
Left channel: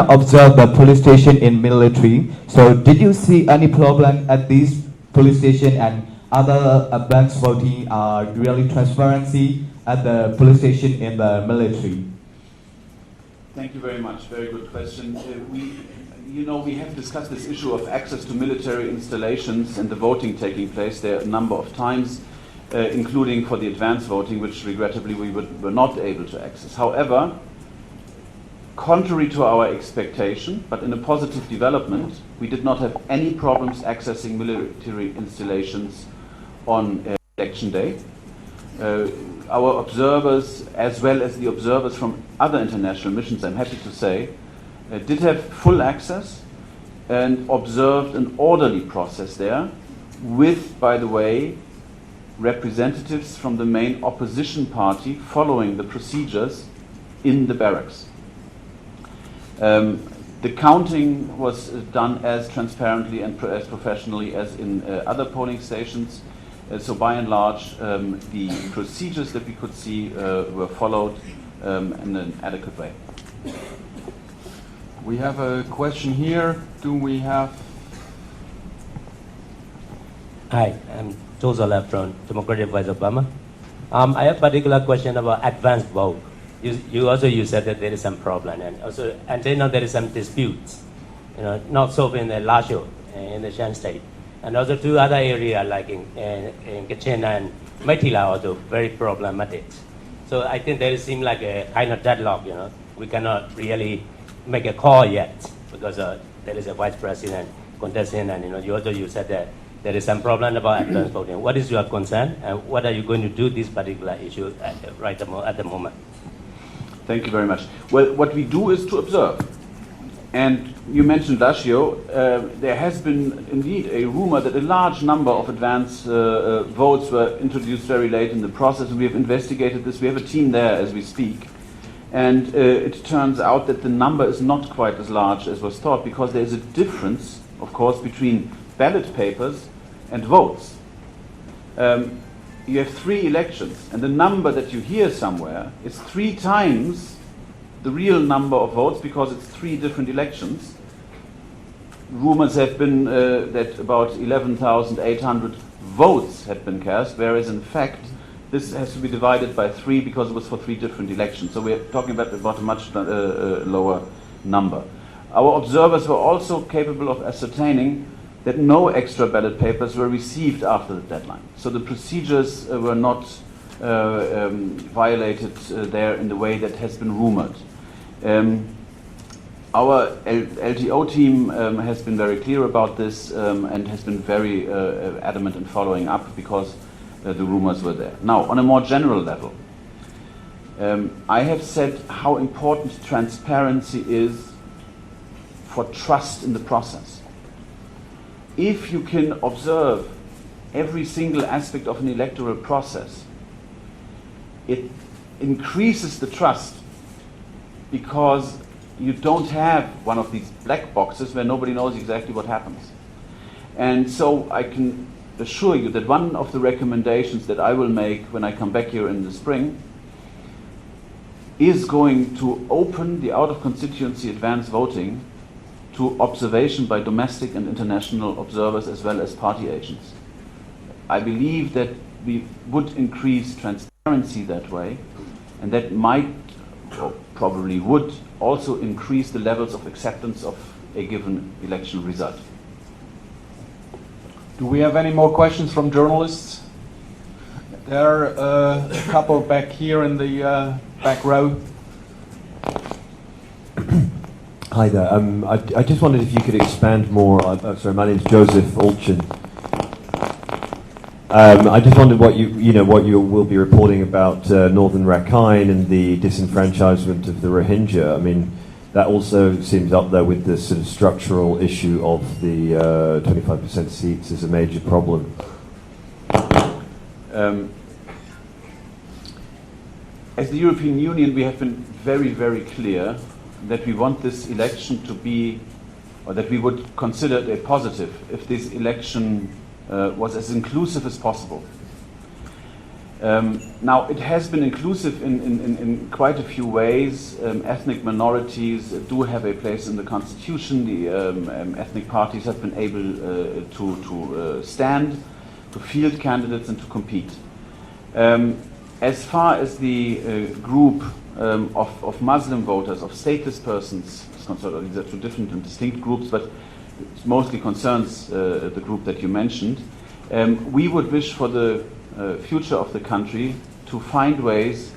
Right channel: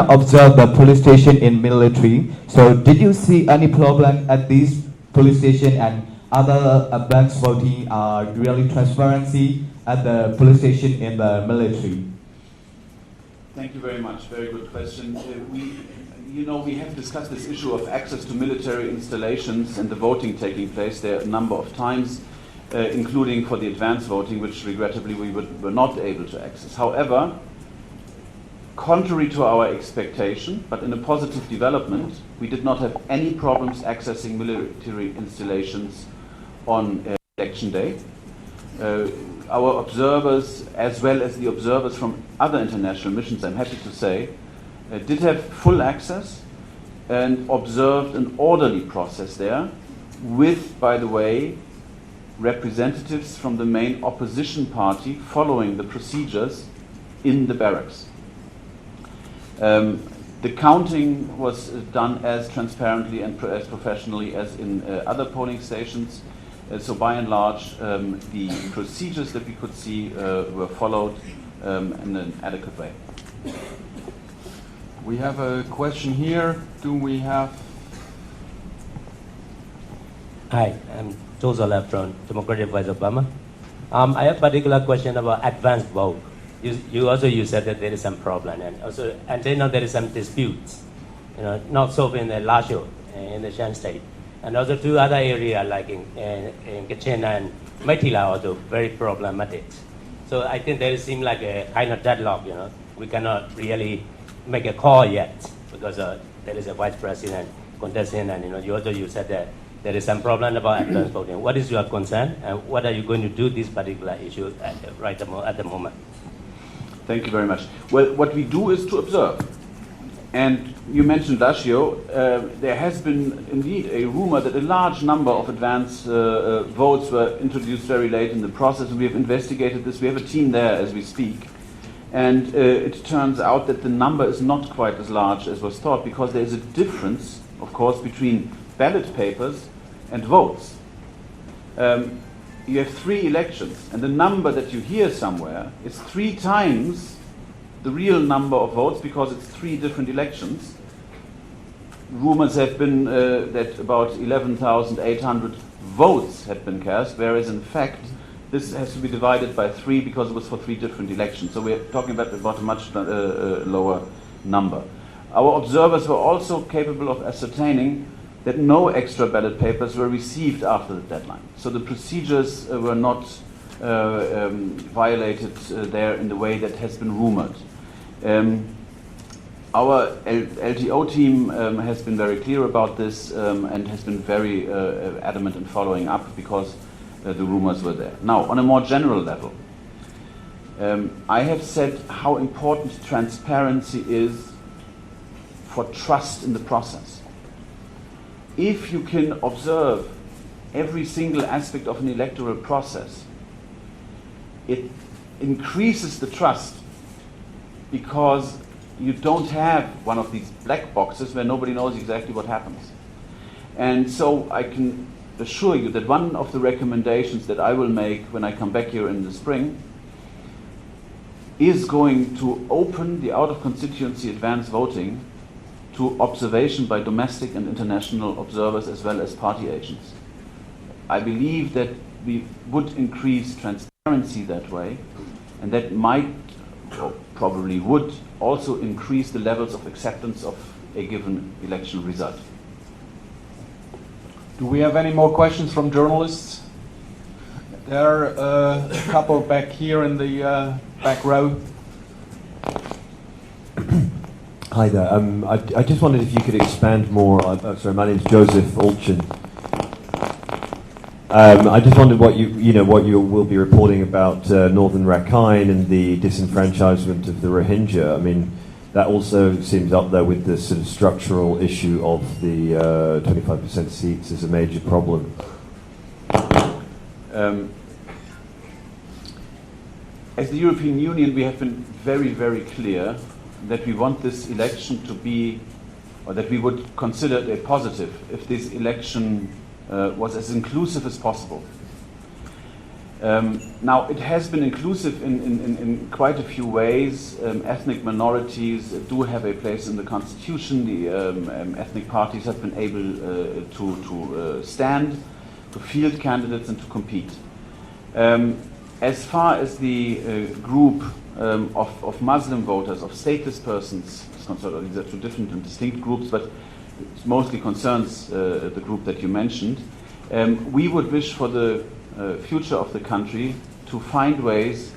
observe the police station in military, so did you see any problem at this police station and other banks voting are really transparency at the police station in the military? Thank you very much. Very good question. We have discussed this issue of access to military installations and the voting taking place there a number of times, including for the advance voting, which regrettably we were not able to access. However, contrary to our expectation, but in a positive development, we did not have any problems accessing military installations on election day. Our observers, as well as the observers from other international missions, I'm happy to say, did have full access and observed an orderly process there with, by the way, representatives from the main opposition party following the procedures in the barracks. The counting was done as transparently and as professionally as in other polling stations. So by and large, the procedures that we could see were followed in an adequate way. We have a question here. Do we have? Hi, I'm Joseph from Democratic Voice of Burma. I have a particular question about advanced vote. You said that there is some problem, and then there is some disputes, not solved in the Lasho, in the Shan state, and also two other areas like in Kachin and Maitila also very problematic. So I think there seems like a kind of deadlock. We cannot really make a call yet because there is a vice president contesting, and you said that there is some problem about advance voting. What is your concern, and what are you going to do this particular issue at the moment? Thank you very much. Well, what we do is to observe. And you mentioned Lashio. There has been indeed a rumor that a large number of advance votes were introduced very late in the process. We have investigated this. We have a team there as we speak. And it turns out that the number is not quite as large as was thought, because there is a difference, of course, between ballot papers and votes. You have 3 elections, and the number that you hear somewhere is 3 times the real number of votes, because it's 3 different elections. Rumors have been that about 11,800 votes had been cast, whereas in fact this has to be divided by 3 because it was for 3 different elections. So we're talking about a much lower number. Our observers were also capable of ascertaining that no extra ballot papers were received after the deadline. So the procedures were not violated there in the way that has been rumored. Our LTO team has been very clear about this and has been very adamant in following up, because the rumors were there. Now, on a more general level, I have said how important transparency is for trust in the process. If you can observe every single aspect of an electoral process, it increases the trust, because you don't have one of these black boxes where nobody knows exactly what happens. And so I can assure you that one of the recommendations that I will make when I come back here in the spring is going to open the out-of-constituency advance voting to observation by domestic and international observers as well as party agents. I believe that we would increase transparency that way, and that might, or probably would, also increase the levels of acceptance of a given election result. Do we have any more questions from journalists? There are a couple back here in the back row. Hi there. I just wondered if you could expand more. Sorry, my name is Joseph Olchin. I just wondered what you will be reporting about Northern Rakhine and the disenfranchisement of the Rohingya. I mean, that also seems up there with the sort of structural issue of the 25% seats as a major problem. As the European Union, we have been very, very clear that we want this election to be, or that we would consider it a positive if this election was as inclusive as possible. Now, it has been inclusive in quite a few ways. Ethnic minorities do have a place in the constitution. The ethnic parties have been able to stand, to field candidates, and to compete. As far as the group of Muslim voters, of stateless persons is concerned, these are 2 different and distinct groups, but it mostly concerns the group that you mentioned. We would wish for the future of the country to find ways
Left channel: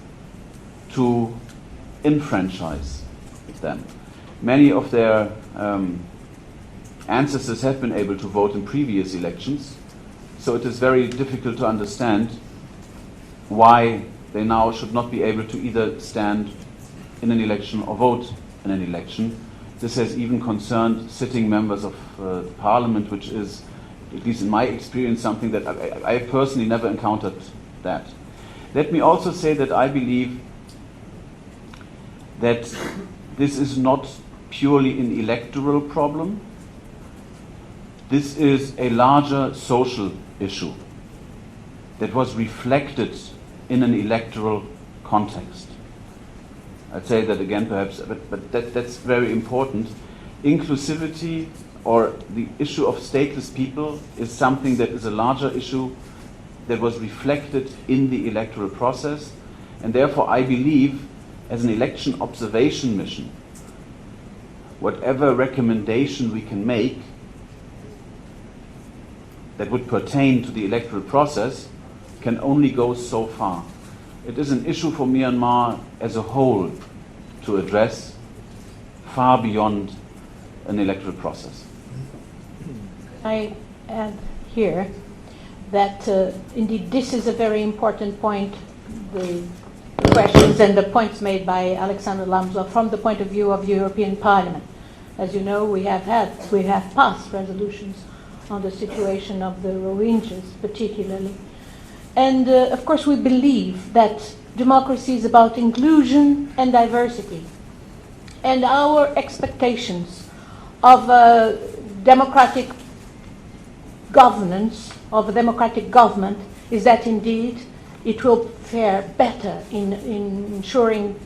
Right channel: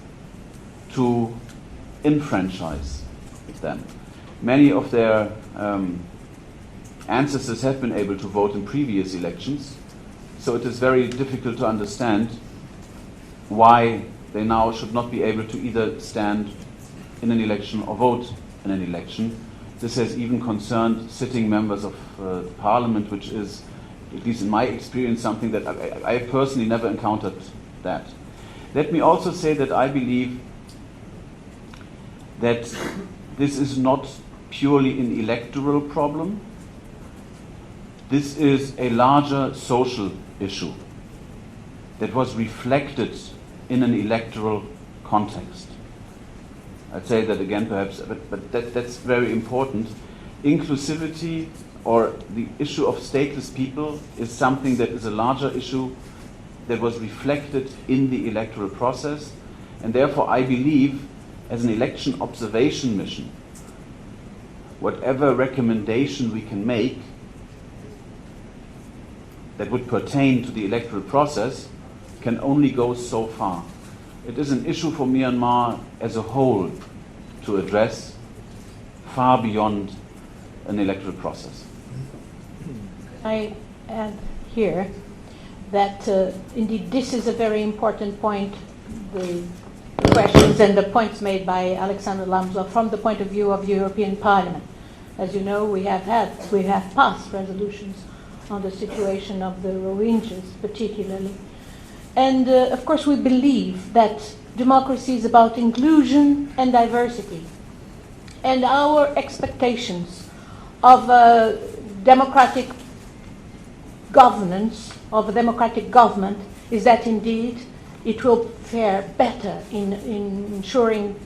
to enfranchise them. Many of their ancestors have been able to vote in previous elections, so it is very difficult to understand why they now should not be able to either stand in an election or vote in an election. This has even concerned sitting members of parliament, which is, at least in my experience, something that I personally never encountered that. Let me also say that I believe that this is not purely an electoral problem. This is a larger social issue that was reflected in an electoral context. I'd say that again perhaps, but that's very important. Inclusivity or the issue of stateless people is something that is a larger issue that was reflected in the electoral process, and therefore I believe as an election observation mission, whatever recommendation we can make that would pertain to the electoral process can only go so far. It is an issue for Myanmar as a whole to address far beyond an electoral process. I add here that indeed this is a very important point, the questions and the points made by Alexander Lambsdorff from the point of view of the European Parliament. As you know, we have passed resolutions on the situation of the Rohingyas particularly. And of course we believe that democracy is about inclusion and diversity. And our expectations of democratic governance, of a democratic government, is that indeed it will fare better in ensuring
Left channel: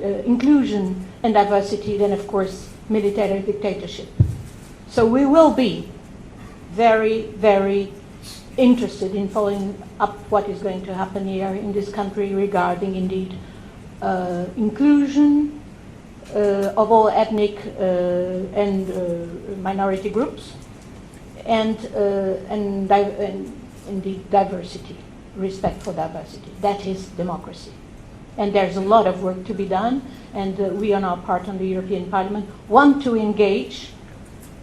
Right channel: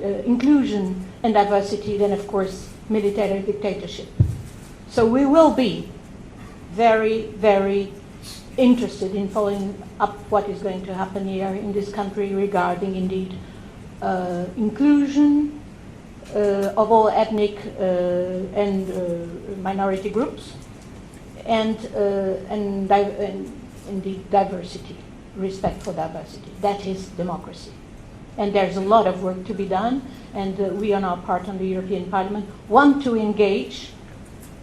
inclusion and diversity than, of course, military dictatorship. So we will be very, very interested in following up what is going to happen here in this country regarding, indeed, inclusion of all ethnic and minority groups, and indeed diversity, respect for diversity. That is democracy. And there's a lot of work to be done, and we on our part on the European Parliament want to engage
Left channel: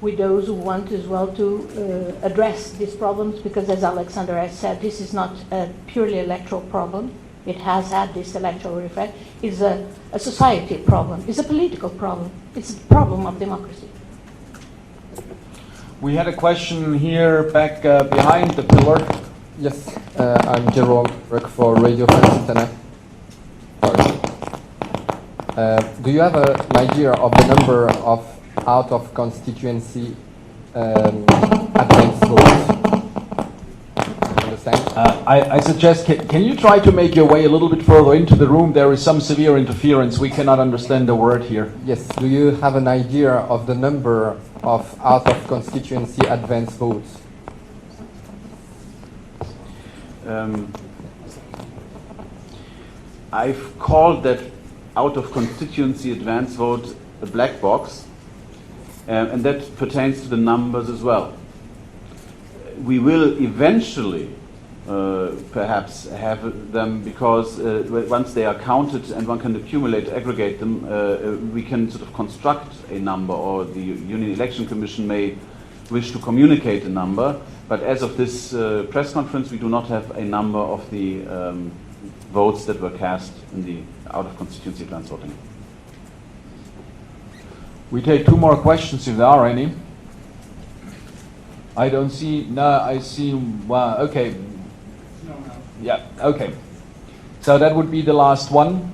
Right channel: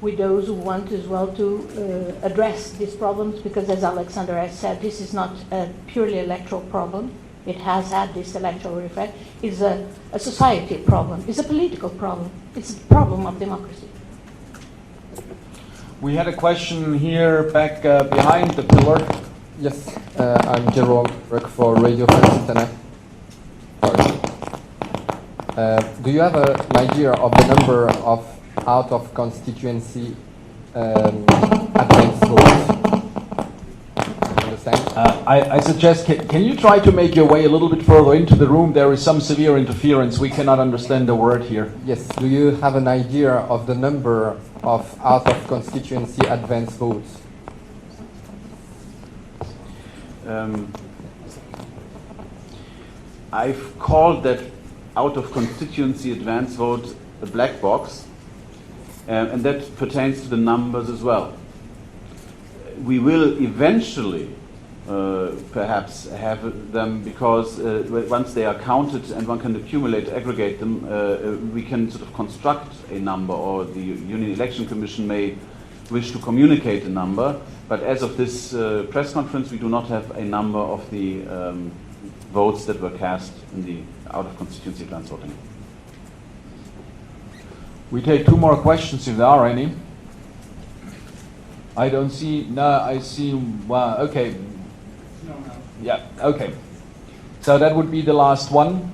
with those who want as well to address these problems, because as Alexander has said, this is not a purely electoral problem. It has had this electoral effect. It's a society problem. It's a political problem. It's a problem of democracy. We had a question here back behind the pillar. Yes, I'm Jerome, work for Radio France Internet. Do you have an idea of the number of out-of-constituency advance votes? I suggest, can you try to make your way a little bit further into the room? There is some severe interference. We cannot understand the word here. Yes. Do you have an idea of the number of out-of-constituency advance votes? I've called that out-of-constituency advance vote a black box, and that pertains to the numbers as well. We will eventually perhaps have them, because once they are counted and one can accumulate, aggregate them, we can sort of construct a number, or the Union Election Commission may wish to communicate a number. But as of this press conference, we do not have a number of the votes that were cast in the out-of-constituency advance voting. We take two more questions if there are any. I don't see, no, I see, well, okay. Yeah, okay. So that would be the last one.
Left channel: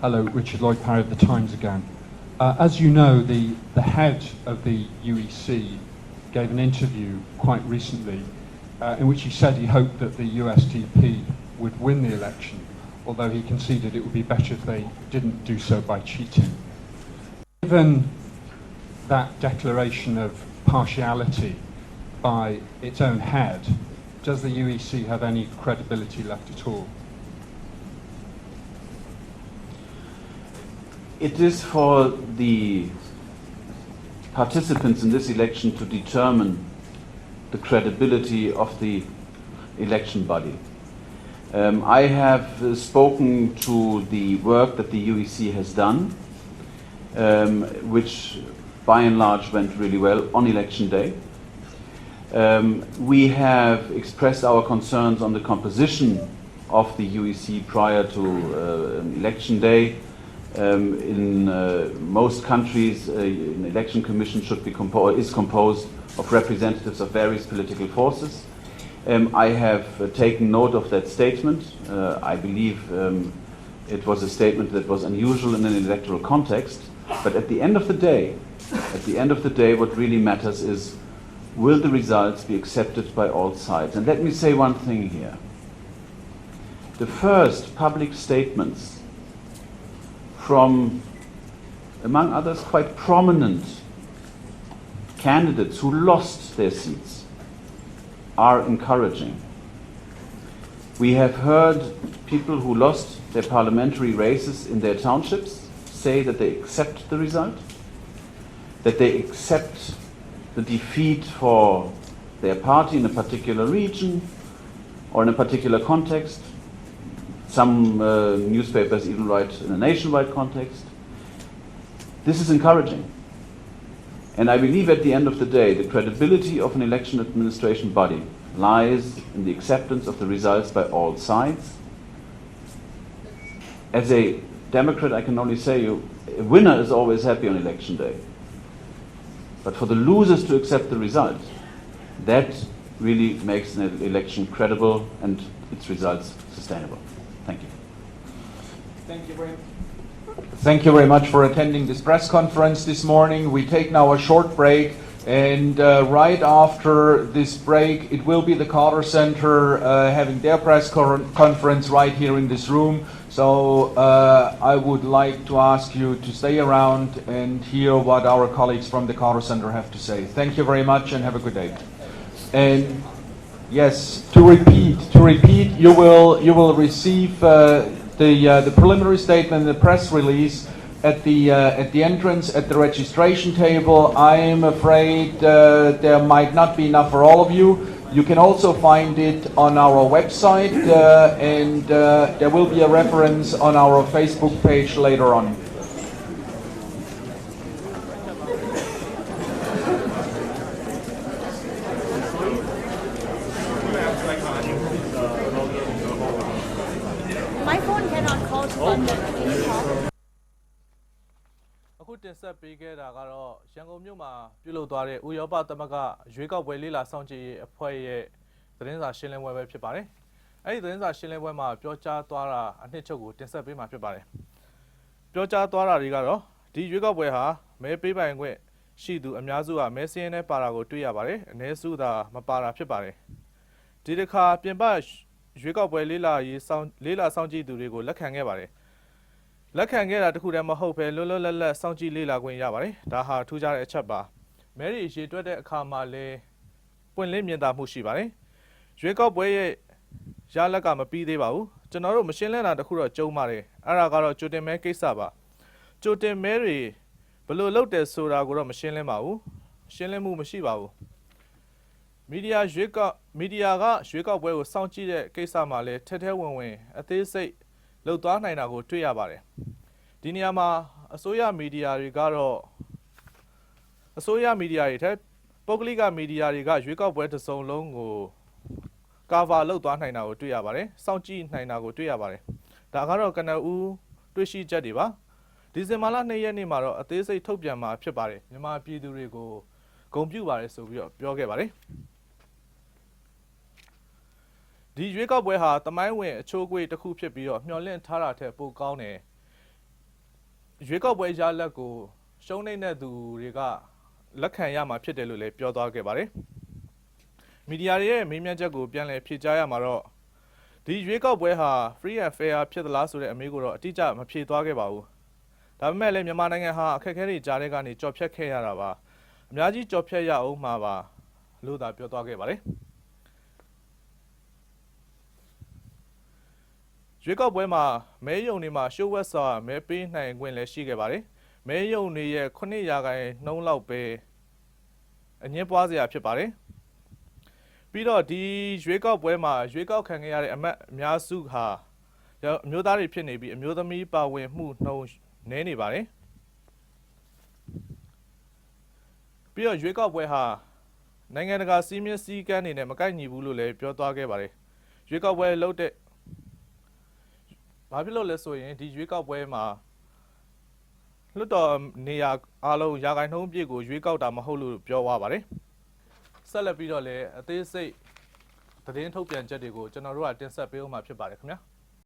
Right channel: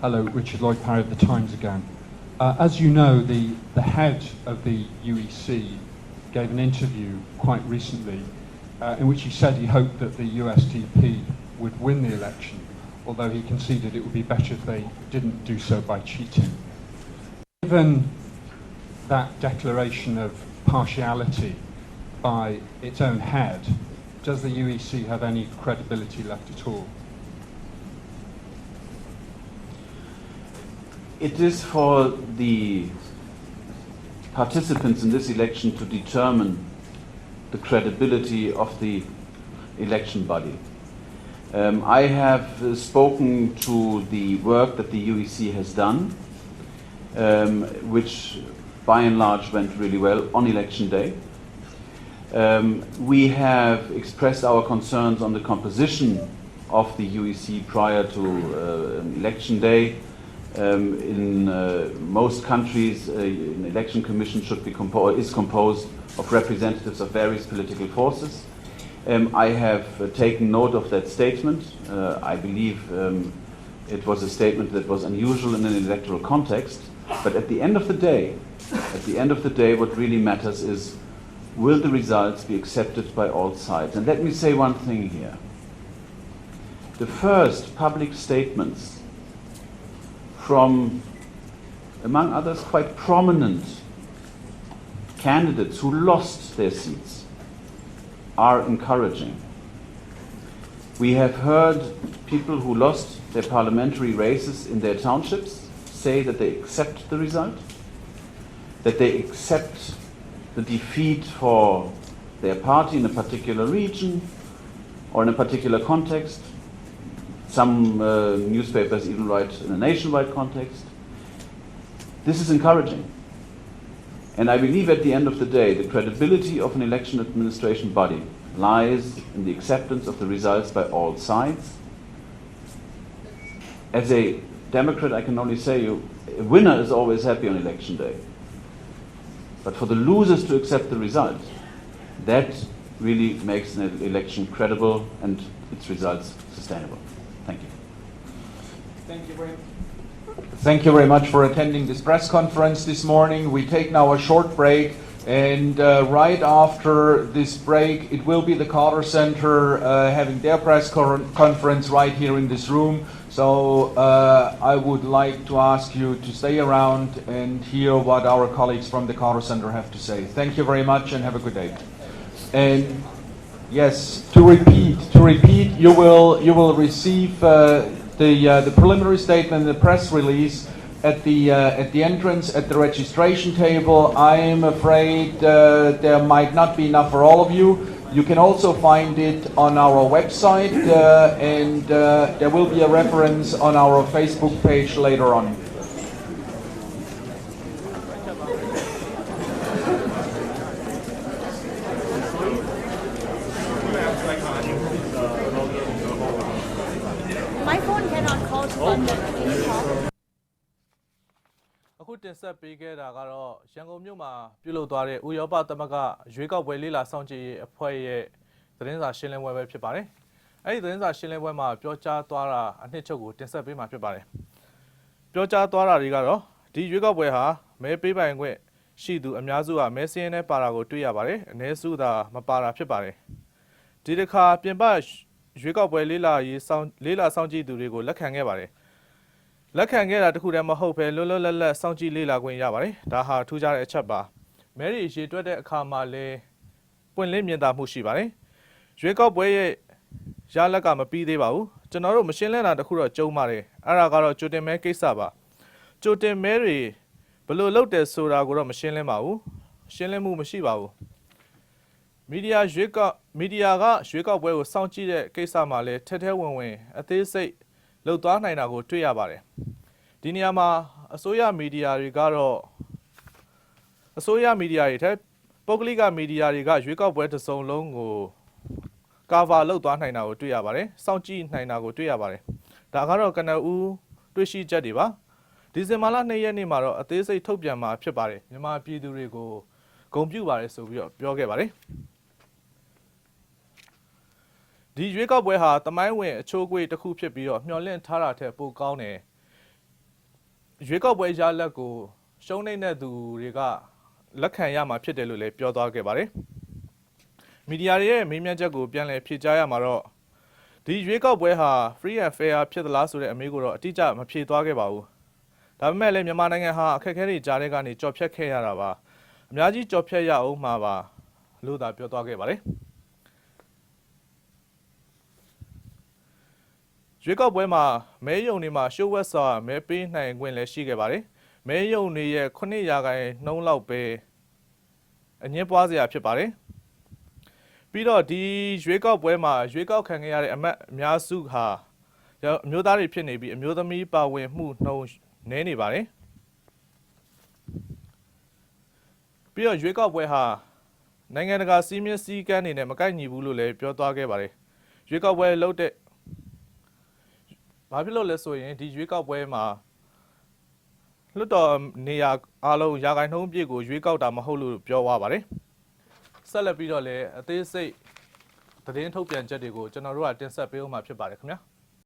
Hello, Richard Lloyd Parry of The Times again. As you know, the head of the UEC gave an interview quite recently in which he said he hoped that the USDP would win the election, although he conceded it would be better if they didn't do so by cheating. Given that declaration of partiality by its own head, does the UEC have any credibility left at all? It is for the participants in this election to determine the credibility of the election body. I have spoken to the work that the UEC has done, which by and large went really well on election day. We have expressed our concerns on the composition of the UEC prior to election day. In most countries, an election commission should be is composed of representatives of various political forces. I have taken note of that statement. I believe it was a statement that was unusual in an electoral context. But at the end of the day, what really matters is will the results be accepted by all sides? And let me say one thing here. The first public statements from, among others, quite prominent candidates who lost their seats are encouraging. We have heard people who lost their parliamentary races in their townships say that they accept the result, that they accept the defeat for their party in a particular region or in a particular context. Some newspapers even write in a nationwide context. This is encouraging. And I believe at the end of the day, the credibility of an election administration body lies in the acceptance of the results by all sides. As a Democrat, I can only say a winner is always happy on election day. But for the losers to accept the result, that really makes an election credible and its results sustainable. Thank you. Thank you very much for attending this press conference this morning. We take now a short break, and right after this break, it will be the Carter Center having their press conference right here in this room. So I would like to ask you to stay around and hear what our colleagues from the Carter Center have to say. Thank you very much and have a good day. And yes, to repeat, you will receive the preliminary statement, the press release at the entrance at the registration table. I am afraid there might not be enough for all of you. You can also find it on our website, and there will be a reference on our Facebook page later on. My phone cannot call to London. Can you call? အခုတင်ဆက်ပေးခဲ့တာကတော့ရန်ကုန်မြို့မှာပြုလုပ်သွားတဲ့ဥရောပသမဂ္ဂရွေးကောက်ပွဲလေးလာစောင့်ကြည့်ရေးအဖွဲ့ရဲ့သတင်းစာရှင်းလင်းပွဲပဲဖြစ်ပါတယ်။အဲဒီသတင်းစာရှင်းလင်းပွဲမှာပြောကြားသွားတာအနှစ်ချုပ်ကိုတင်ဆက်ပေးမှာဖြစ်ပါတယ်။ပြောကြားသွားတာတွေကတော့ဒီရွေးကောက်ပွဲဟာမဲပေးပိုင်ခွင့်ရှိသူအများစုကမဲစင်းနဲ့ပါတာကိုတွေ့ရပါတယ်။အနည်းစုသာမပါတာဖြစ်ပါတယ်။ဒီတစ်ခါပြင်ပရွေးကောက်ပွဲလေးလာစောင့်ကြည့်သူတွေကိုလက်ခံခဲ့ပါတယ်။လက်ခံခဲ့တာတခုတည်းမဟုတ်ဘဲလွတ်လွတ်လပ်လပ်စောင့်ကြည့်လေ့လာခွင့်ရပါတယ်။ဒါဟာထူးခြားတဲ့အချက်ပါ။မဲရီရေတွက်တဲ့အခါမှာလည်းပွင့်လင်းမြင်သာမှုရှိပါတယ်။ရွေးကောက်ပွဲရဲ့ရလက်ကမပြီးသေးပါဘူး။ကျွန်တော်တို့မရှင်းလင်းတာတခုတော့ကြုံပါတယ်။အဲ့ဒါကတော့ကြိုတင်မဲကိစ္စပါ။ကြိုတင်မဲတွေဘယ်လိုလုပ်တယ်ဆိုတာကိုတော့မရှင်းလင်းပါဘူး။ရှင်းလင်းမှုမရှိပါဘူး။မီဒီယာကရွေးကောက်ပွဲကိုစောင့်ကြည့်တဲ့ကိစ္စမှာလည်းထဲဝင်အသေးစိတ်လှုပ်သွားနိုင်တာကိုတွေ့ရပါတယ်။ဒီနေရာမှာအစိုးရမီဒီယာတွေကတော့အစိုးရမီဒီယာတွေထက်ပုဂ္ဂလိကမီဒီယာတွေကရွေးကောက်ပွဲတစ်စုံလုံးကိုကာဗာလုပ်သွားနိုင်တာကိုတွေ့ရပါတယ်။စောင့်ကြည့်နိုင်တာကိုတွေ့ရပါတယ်။ဒါကတော့ကနဦးတွေ့ရှိချက်တွေပါ။ဒီဇင်ဘာလ2ရက်နေ့မှာတော့အသေးစိတ်ထုတ်ပြန်မှာဖြစ်ပါတယ်။မြန်မာပြည်သူတွေကိုဂုဏ်ပြုပါတယ်ဆိုပြီးတော့ပြောခဲ့ပါတယ်။ဒီရွေးကောက်ပွဲဟာတမိုင်းဝင်အချိုးအကွေ့တစ်ခုဖြစ်ပြီးတော့မျှော်လင့်ထားတာထက်ပိုကောင်းတယ်ရွေးကောက်ပွဲရလဒ်ကိုရှုံးနေတဲ့သူတွေကလက်ခံရမှာဖြစ်တယ်လို့လည်းပြောသွားခဲ့ပါတယ်မီဒီယာတွေရဲ့မေးမြန်းချက်ကိုပြန်လည်ဖြေကြားရမှာတော့ဒီရွေးကောက်ပွဲဟာ free and fair ဖြစ်သလားဆိုတဲ့အမေးကိုတော့အတိအကျမဖြေသွားခဲ့ပါဘူးဒါပေမဲ့လည်းမြန်မာနိုင်ငံဟာအခက်အခဲတွေကြားထဲကနေကြော်ဖြတ်ခဲ့ရတာပါအများကြီးကြော်ဖြတ်ရအောင်မှာပါလို့သာပြောသွားခဲ့ပါတယ်ရွေးကောက်ပွဲမှာမဲယုံတွေမှာရှိုးဝက်စွာမဲပေးနိုင်ခွင့်လည်းရှိခဲ့ပါတယ်။မဲယုံတွေရဲ့9%လောက်ပဲအငင်းပွားစရာဖြစ်ပါတယ်။ပြီးတော့ဒီရွေးကောက်ပွဲမှာရွေးကောက်ခံခဲ့ရတဲ့အမတ်အများစုဟာအမျိုးသားတွေဖြစ်နေပြီးအမျိုးသမီးပါဝင်မှုနှုန်းနည်းနေပါတယ်။ပြီးတော့ရွေးကောက်ပွဲဟာနိုင်ငံတကာစည်းမျဉ်းစည်းကမ်းတွေနဲ့မကိုက်ညီဘူးလို့လည်းပြောသွားခဲ့ပါတယ်။ရွေးကောက်ပွဲလုပ်တဲ့ဘာဖြစ်လို့လဲဆိုရင်ဒီရွေးကောက်ပွဲမှာလွှတ်တော်နေရာအားလုံးရာခိုင်နှုန်းပြည့်ကိုရွေးကောက်တာမဟုတ်လို့ပြောသွားပါတယ်ဆက်လက်ပြီးတော့လည်းအသေးစိတ်သတင်းထုတ်ပြန်ချက်တွေကိုကျွန်တော်တို့ကတင်ဆက်ပေးဦးမှာဖြစ်ပါတယ်ခင်ဗျာ